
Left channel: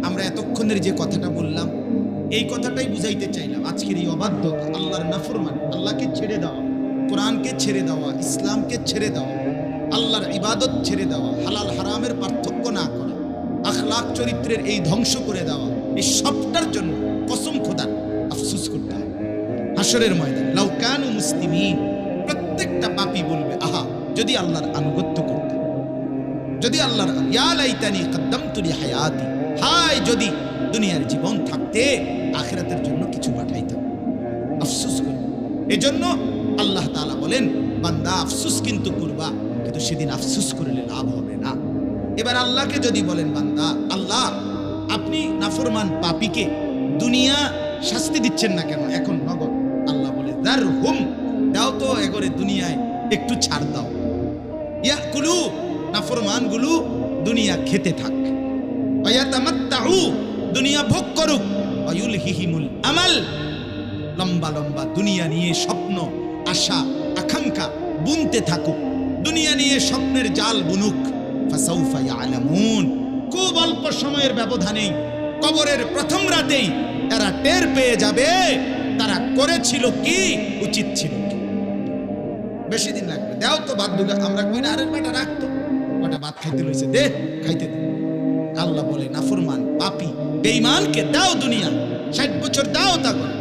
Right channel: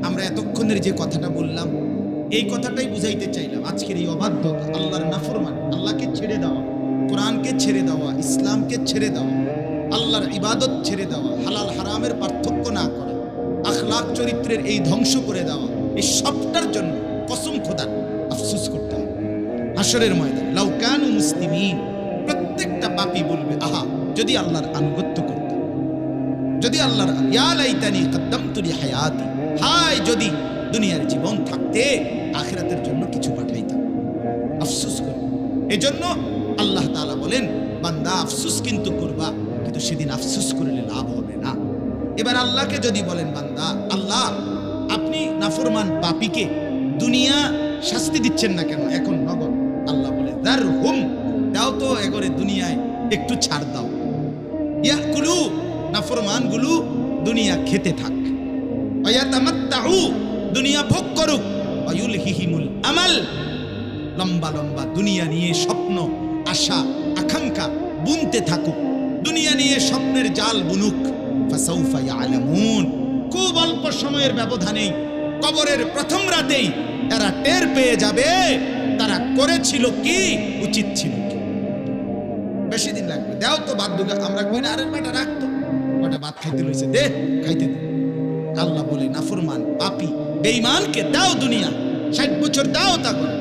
আমরা এতক্ষণের যে কথাটা বললাম এই কথাটাই বুঝাইতে চাইলাম। আজকের এই অবাধ্যতা, আল্লাহর নাফরমান, আল্লাহকে ছেড়ে দেওয়া, কোরআনকে ছেড়ে দেওয়া, ইসলামকে ছেড়ে দেওয়া, আল্লাহর ইবাদত ছেড়ে দেওয়া, হালাল হারামের পার্থক্য না করা, আখলাক চরিত্রের এই ধ্বংস করে দেওয়া, এই সবটার জন্য কসম খোদার আফসোস করতে হবে হাসরের ময়দানে। লাউ কানু মুসলিমিন, প্রত্যেকটা পাপী বলবে আহা যদি আল্লাহর আনুগত্য করত, যদি আল্লাহর, ইয়া লাইতানি কদ্দামতু লি হায়াতি, হায় যদি দুনিয়ার জীবন থাকতে আখিরাতের জন্য কিছু পাঠাইতাম, আফসোস করে। এজন্য আল্লাহ তাআলা বলেন, বান্দা আফসোস কিন্তু করবা, কিন্তু সেদিন আফসোস করলে লাভ হবে না। এবার আল্লাহকে যদি বলেন, বান্দা আল্লাহ আপনি নাফরমান পাপীকে দুনিয়া শাস্তি দিচ্ছেন না কেন এখন নগদ? আল্লাহ বলে, দারহুম, দাও তো এগরে দুনিয়ায় একটু ছাড় দাও। ইয়াকুলু, নাফরমানগুলো দুনিয়া খেতে থাক, ওয়ায়াতামাত্তাউ, দুনিয়া ভোগ করুক, ওয়ায়ুলহিহিমুল আমাল, লম্বা লম্বা দুনিয়া নিয়ে স্বপ্ন আশা আকাঙ্ক্ষা বুনতে থাকুক, দুনিয়া নিয়ে স্বপ্নের জাল বুনুক। ফাসাউফা ইয়ালামুন, খুব অল্প সময়ের ব্যবধানেই কবরের প্রথম রাতেই এরা টের পেয়ে যাবে তারা করেছিল কি, উচিত ছিল কি। বেশি দিন লাগবে, দাও তো ভাত দুগা। আমরা কই না, আরে বেটা রাখতো, বেটা ভাত খাইতে লইছে, দে খাইতে দে। আল্লাহ বলে, নাফরমান পাপী বেঈমানকে দাও দুনিয়া, 60 বছর দাও তা করে।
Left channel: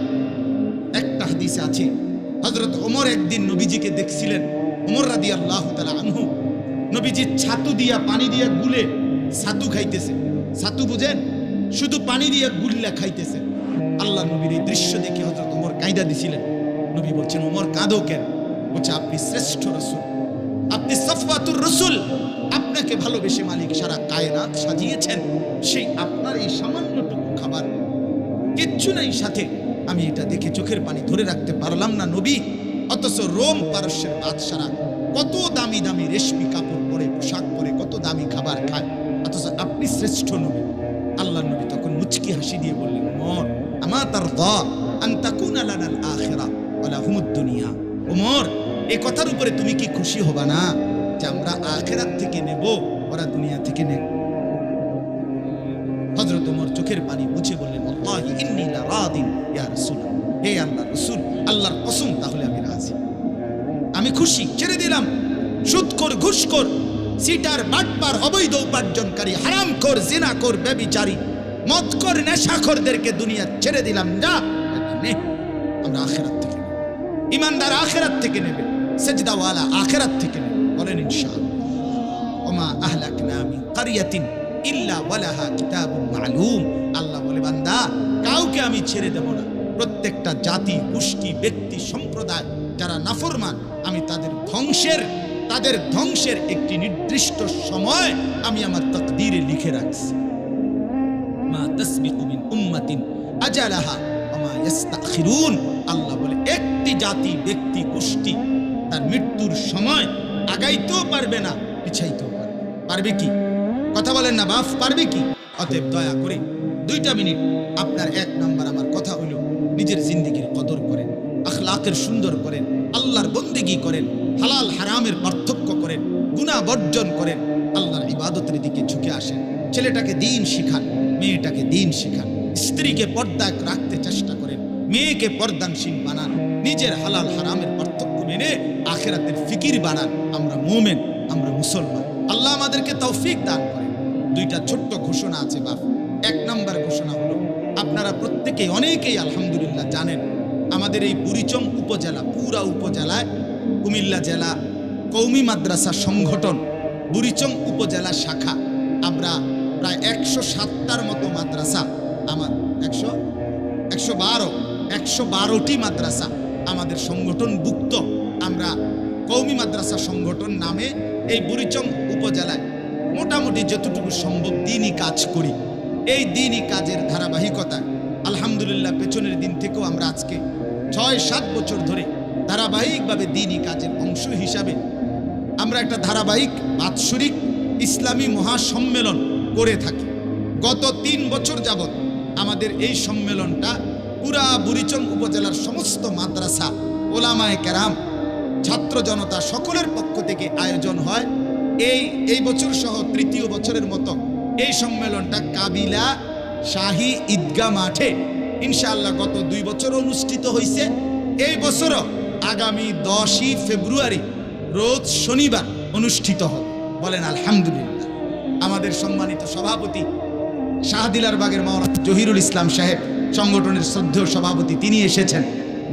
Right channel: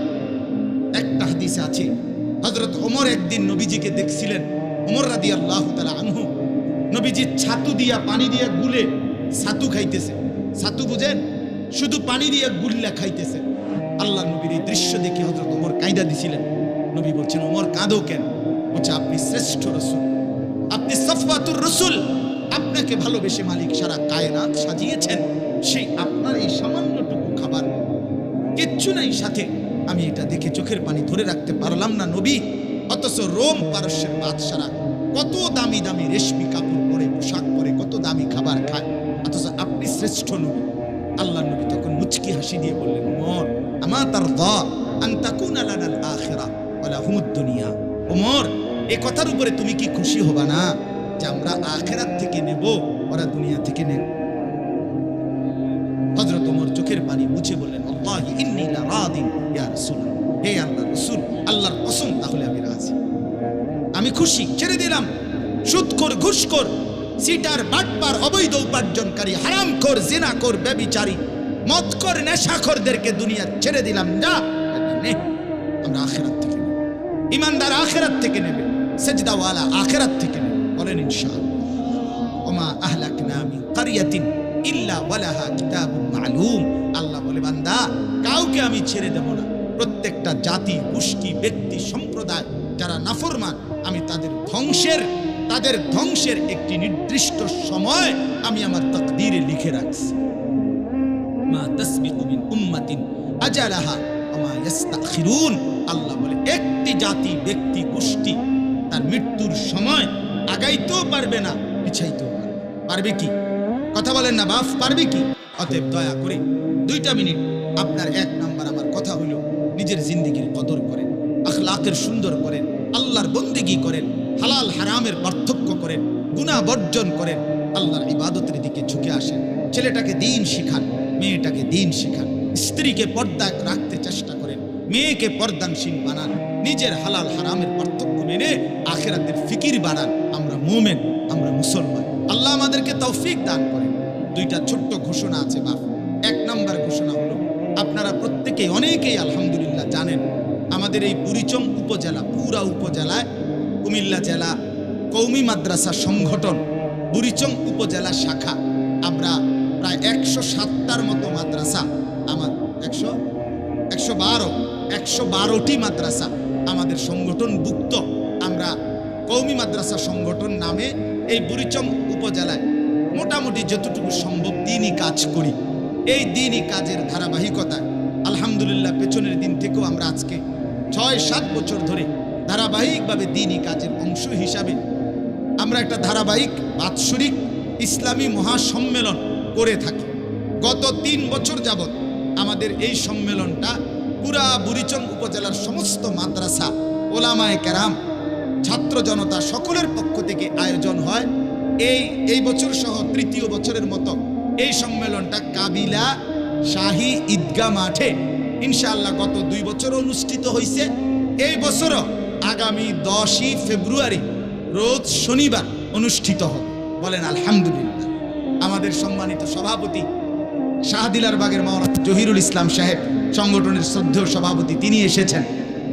একটা হাদিসে আছে, হযরত ওমর একদিন নবীজিকে দেখছিলেন। ওমর রাদিয়াল্লাহু তাআলা আনহু নবীজি ছাতু দিয়া পানি দিয়া গুলে ছাতু খাইতেছে। ছাতু বুঝেন? শুধু পানি দিয়া গুল্লা খাইতেছে। আল্লাহ নবীর এই দৃশ্য দেখে হযরত ওমর কাঁদা দিছিলেন। নবী বলছেন, ওমর কাঁদো কেন? বলছে, আপনি শ্রেষ্ঠ রাসূল, আপনি সফওয়াতুর রাসূল, আপনাকে ভালোবেসে মালিক সারা কায়নাত সাজিয়েছেন, সেই আপনার এই সামান্যটুকু খাবার কিচ্ছু নাই সাথে, আমি এটা দেখে চোখের পানি ধরে রাখতে পারলাম না নবী। অথচ রোম পারস্যের বাদশারা কত দামি দামি রেশমি কাপড় পরে, পোশাক পরে, কত দামি খাবার খায়, অথচ আপনি শ্রেষ্ঠ নবী। আল্লাহ নবী তখন মুচকি হাসি দিয়ে বললেন, ওমর আমা তারদা আন তাকুনা লানাল আখিরা ওয়া লাহুমুদ দুনিয়া। ওমর, এই কথার উপরে তুমি কি খুশি হবা না যে আমরা আখিরাত থেকে নেব, ওরা দুনিয়া থেকে নেব? হযরত ওমর চোখের পানি মুছে বললেন, আল্লাহি ইন্নী লা রাদিন ইয়া রাসূলুল্লাহ, হে আল্লাহর রাসূল, আল্লাহর কসম, তাহলে আমি রাজি, আমি খুশি, ছেড়ে দিলাম সুদখোর, ঘুষখোর, সিটার, বাটপার, অবৈধ উপার্জনকারী, হারামখোর, জিনাখোর, ব্যভিচারী, মদখোর, নেশাখোরদেরকে দুনিয়া ছেড়ে দিলাম। যা নে, আমরা আখিরাত থেকে নেব। ইমানদার আখিরাত থেকে নেবে, সেজদাওয়ালা আখিরাত থেকে নেবে। বলেন ইনশাআল্লাহ। ওমা আহলাকনা মিন কারিয়াতিন ইল্লা ওয়ালাহা কিতাবুন মালুম। আল্লাহ বলে, বান্দা কাউকে আমি ছেড়ে দেব না। প্রত্যেকটা জাতি, গোষ্ঠী, ব্যক্তি, সম্প্রদায় যারা নাফরমান, আমি তাদের ধ্বংসের একটি নির্দিষ্ট সময় আমি আমার তাকদীরে লিখে রাখছি। মা তাসবিকু মিন উম্মাতিন আজালাহা ওয়া মা ইস্তাখিরুন। আল্লাহ বলে, একটি জাতি, ব্যক্তি, গোষ্ঠী তার মৃত্যুর সময় আগাইতেও পারবে না, পিছাইতেও পারবে কি? কথা বলেন না বাপ, পারবে কি? অতএব দয়া করে 2টা মিনিট আপনার 1 নাম্বার আমার কথা হইল, নিজের জিন্দেগির কদর করেন, আখলাকের সুন্দর করেন, আল্লাহর বন্দেগী করেন, হালাল হারামের পার্থক্য করেন, গুনাহ বর্জন করেন, আল্লাহর ইবাদতের দিকে ঝুঁকে আসেন। ছেলেটাকে দ্বীন শিখান, মেয়েটাকে দ্বীন শিখান, স্ত্রীকে পর্দায় রাখতে চেষ্টা করেন, মেয়েকে পর্দানশীল বানান, নিজের হালাল হারামের পার্থক্য মেনে আখিরাতের ফিকির বানান। আমরা মুমিন, আমরা মুসলমান, আল্লাহ আমাদেরকে তৌফিক দান করেন। 2টা ছোট্ট ঘোষণা আছে বাপ। 1 নাম্বার ঘোষণা হলো, আপনারা প্রত্যেকেই অনেকেই আলহামদুলিল্লাহ জানেন, আমাদের এই বুড়িচং উপজেলা, পুরা উপজেলায় কুমিল্লা জেলা কওমি মাদ্রাসা সংগঠন বুড়িচং উপজেলা শাখা, আমরা প্রায় 107টার মতো মাদ্রাসা, আমার 112টি মাদ্রাসা আমাদের সংগঠনভুক্ত। আমরা কওমি মাদ্রাসা সংগঠন নামে এই বুড়িচং উপজেলায় মোটামুটি যতটুকু সম্ভব দ্বীনি কাজ করি। এই দ্বীনি কাজের ধারাবাহিকতায় আলহামদুলিল্লাহ পেছনের দিন থেকেও আমরা আজকে 6-7 বছর ধরে ধারাবাহিকভাবে দ্বীনি কাজের অংশ হিসাবে আমরা একটা ধারাবাহিক বাৎসরিক ইসলামী মহাসম্মেলন করে থাকি। গত 3 বছর যাবৎ আমাদের এই সম্মেলনটা পুরা বুড়িচং উপজেলার সমস্ত মাদ্রাসা, ওলামায়ে কেরাম, ছাত্র জনতা সকলের পক্ষ থেকে আয়োজন হয়। এই বছর সহ 3য় বছরের মতো এই সম্মেলনটা কাবিলা শাহী ঈদগাহ মাঠে ইনশাআল্লাহ গত 2 বছর অনুষ্ঠিত হয়েছে। এই বছরও আগামী 10ই ফেব্রুয়ারি রোজ শনিবার অনুষ্ঠিত হবে। বলেন আলহামদুলিল্লাহ। আমাদের সম্মানিত সভাপতি শাহদিলার বাগের মাওলানা জহিরুল ইসলাম সাহেব, সংগঠনের শ্রদ্ধেয় সভাপতি, তিনি এসেছেন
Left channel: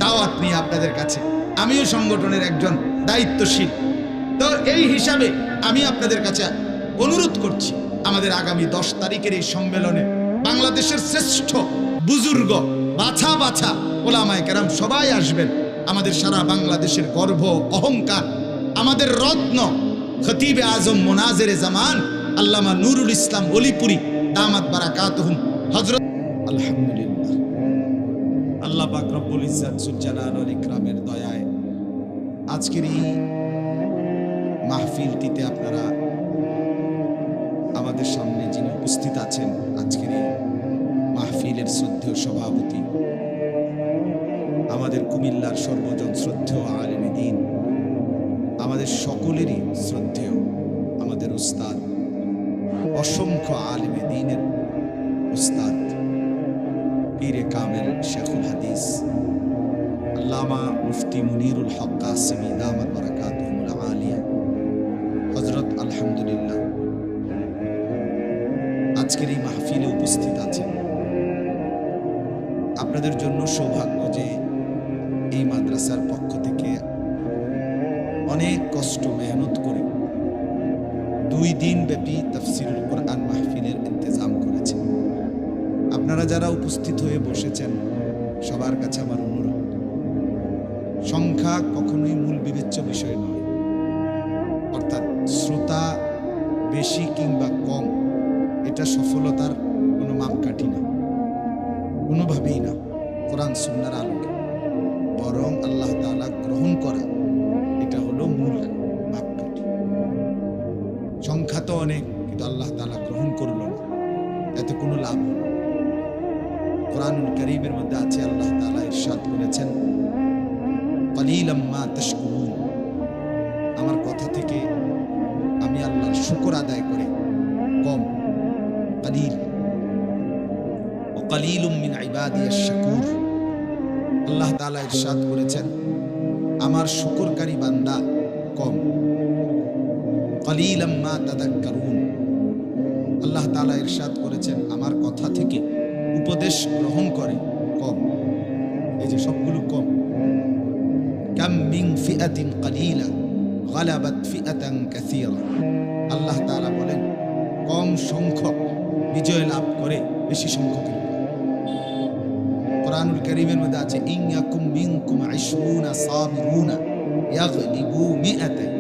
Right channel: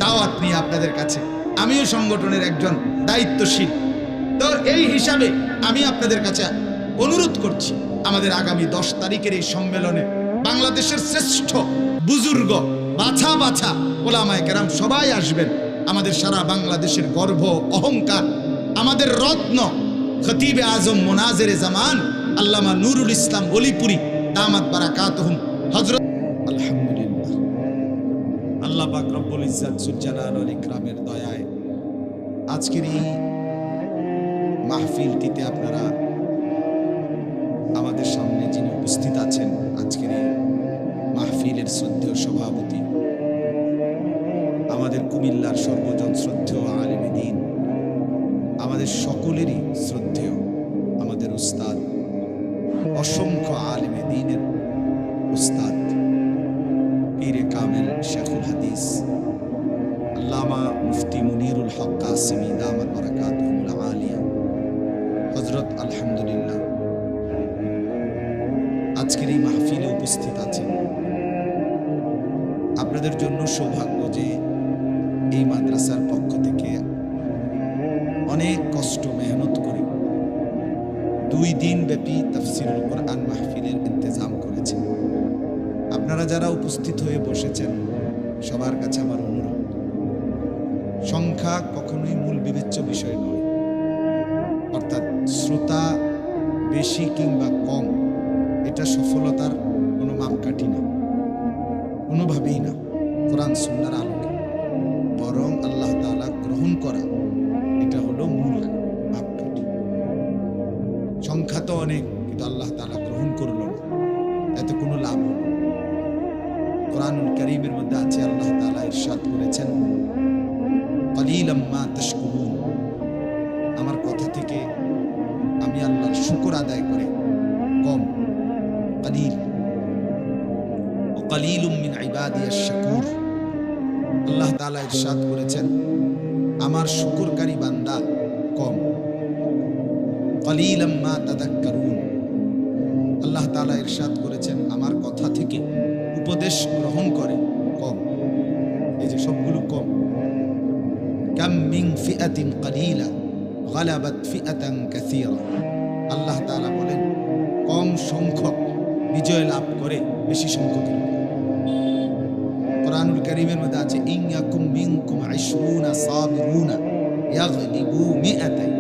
দাওয়াত নিয়ে আপনাদের কাছে। আমিও সংগঠনের একজন দায়িত্বশীল, তো এই হিসাবে আমি আপনাদের কাছে অনুরোধ করছি, আমাদের আগামী 10 তারিখের এই সম্মেলনে বাংলাদেশের শ্রেষ্ঠ বুজুর্গ বাছা বাছা ওলামায়ে কেরাম সবাই আসবেন। আমাদের সারা বাংলাদেশের গর্ব অহংকার, আমাদের রত্ন খতিবে আজম মোনাজেরে জামান আল্লামা নুরুল ইসলাম অলিপুরি দামাত বারাকাতুহুম হযরত। আলহামদুলিল্লাহ, আল্লাহ পাক রব্বুল ইজ্জত জুল জালাল ওয়াল ইকরামের দয়ায় আজকের এই মাহফিলটিতে আপনারা আমাদের সামনে যিনি উপস্থিত আছেন, আজকের এই মাহফিলের শ্রদ্ধেয় সভাপতি, আমাদের কুমিল্লার সর্বজন শ্রদ্ধেয় আলেমে দ্বীন, আমাদের সকলেরই শ্রদ্ধেয় আমাদের উস্তাদ, অসংখ্য আলেমে দ্বীনের উস্তাদ পীরে কামেল শেখুল হাদিস আল্লামা মুফতি মুনিরুল হক কাসেমি দামাত বারাকাতুহুল আলিয়া হযরত, আলহামদুলিল্লাহ আজকের এই মাহফিলে উপস্থিত আছেন। আপনাদের জন্য সৌভাগ্য যে এই মাদ্রাসার পক্ষ থেকে অনেক কষ্ট মেহনত করে 2 দিন ব্যাপী তাফসীরুল কোরআন মাহফিলের ইন্তজাম করেছে। আপনারা যারা উপস্থিত হয়ে বসেছেন সবার কাছে আমার অনুরোধ, সংখ্যা কখনোই মূল বিবেচ্য বিষয় নয়, অর্থাৎ শ্রোতা বেশি কিংবা কম এটা সফলতার কোনো মাপকাঠি না, কোনোভাবেই না কোরআন সুন্নাহর আলোকে, বরং আল্লাহ তাআলা গ্রহণ করা এটা হলো মূল মাপকাঠি। সংখ্যা তো অনেক, কিন্তু আল্লাহ তাআলা গ্রহণ করলো না, এতে কোনো লাভ হলো। কোরআনুল কারীমের মধ্যে আছে, আল্লাহ তাআলা ইরশাদ করেছেন, ক্বালিলাম মা তাশকুরুন, আমার কথা থেকে আমি আল্লাহর শুকর আদায় করে কম, ক্বালিল ওয়া ক্বালিলুম মিন ইবাদিয়াশ শাকুর। আল্লাহ তাআলা ইরশাদ করেছেন আমার শুকরকারী বান্দা কম, ক্বালিলাম মা তাযাক্কারুন। আল্লাহ তাআলা ইরশাদ করেছেন আমার কথা থেকে উপদেশ গ্রহণ করে কম। এই যে সবগুলো কম। কাম মিন ফিআতিন ক্বালিলা গালাবাত ফিআতান কাসীরা। আল্লাহ তাআলা বলেন কম সংখ্যক বিজয় লাভ করে বেশি সংখ্যকের উপর। কোরআনুল কারীমের মধ্যে আছে, ইন ইয়াকুম মিনকুম 20 সাবিরুনা ইয়াগলিবু মিআতাই।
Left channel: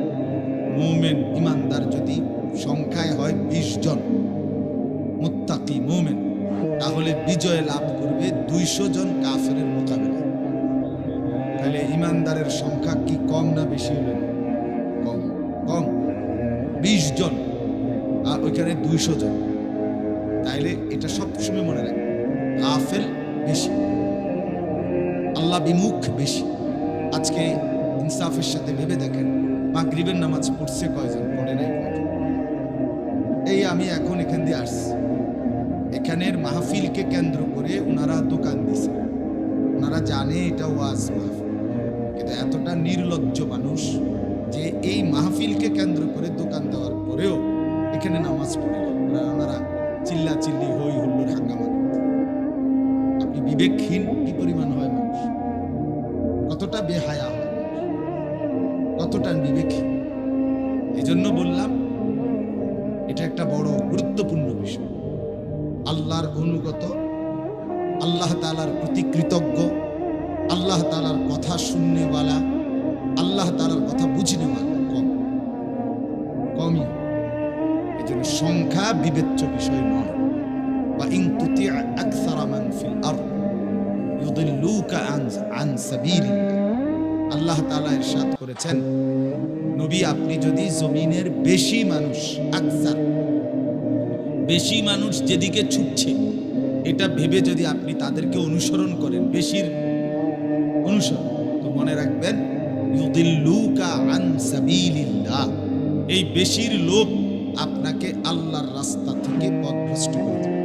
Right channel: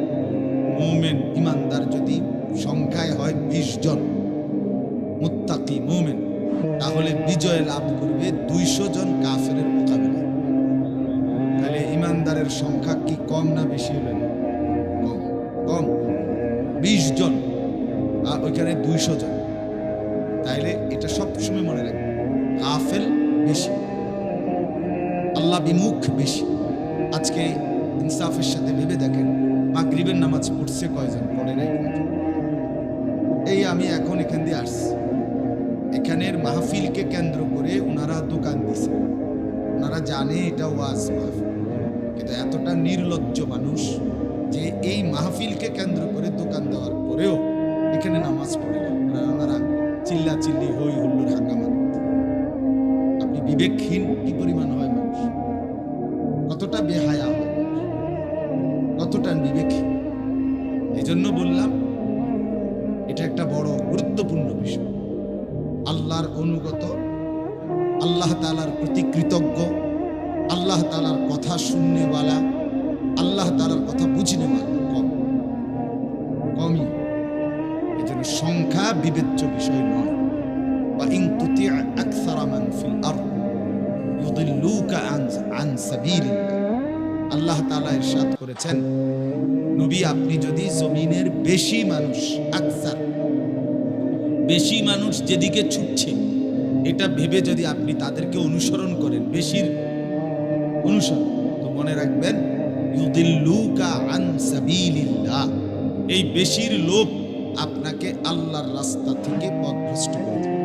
মুমিন ইমানদার যদি সংখ্যায় হয় 20 জন মুত্তাকি মুমিন, তাহলে বিজয় লাভ করবে 200 জন কাফেরের মোকাবেলায়। তাহলে ইমানদারের সংখ্যা কি কম না বেশি হলো? কম। কম 20 জন আর ওইখানে 200 জন। তাইলে এটা সবসময় মনে রাখবে, গাফেল বেশি, আল্লাহ বিমুখ বেশি। আজকে ইনসাফের সাথে ভেবে দেখেন, মাগরিবের নামাজ পড়ছে কয়জন, পড়ে নাই কয়জন? এই আমি এখন এখান দিয়ে আসছি, এখানের মাহফিলকে কেন্দ্র করে ওনারা দোকান দিছে, ওনারা জানে এটা ওয়াজ মাহফিল, কিন্তু এতটা নির্লজ্জ মানুষ যে এই মাহফিলকে কেন্দ্র করে দোকান দেওয়ার পরেও এখানে নামাজ পড়ে না। ওনারা চিল্লা চিল্লি হই হুল্লোড় হাঙ্গামা করতে। আপনি বিবেকহীন কি পরিমাণ হয় মানুষ, কতটা বেহায়া হয় মানুষ, কতটা বিবেকহীন। এই জন্য বললাম এটা একটা বড় গুরুত্বপূর্ণ বিষয়। আল্লাহর অনুগত, আল্লাহ তাআলার প্রতি কৃতজ্ঞ, আল্লাহ তাআলার কথা শুননেওয়ালা, আল্লাহ তাআলার কথা বুঝনেওয়ালা কমই। এই জন্য সংখ্যা বিবেচ্য বিষয় নয়। বা ইন তুতি আকসারা মান ফিল আরদ ইউদিল্লুকা আন সাবিলিল্লাহ। আল্লাহ তাআলা ইরশাদ করেছেন, নবী আপনি যদি জমিনের বেশি মানুষ, আকসার বেশি মানুষ যেদিকে ছুটছে এটা ভেবে যদি আপনি তাদেরকে অনুসরণ করেন, বেশির অনুসরণ, তো মনে রাখবেন ইউদিল্লুকা আন সাবিলিল্লাহ, এই বেশির লোভ আপনাকে আল্লাহর রাস্তা থেকে পথভ্রষ্ট করে দেবে।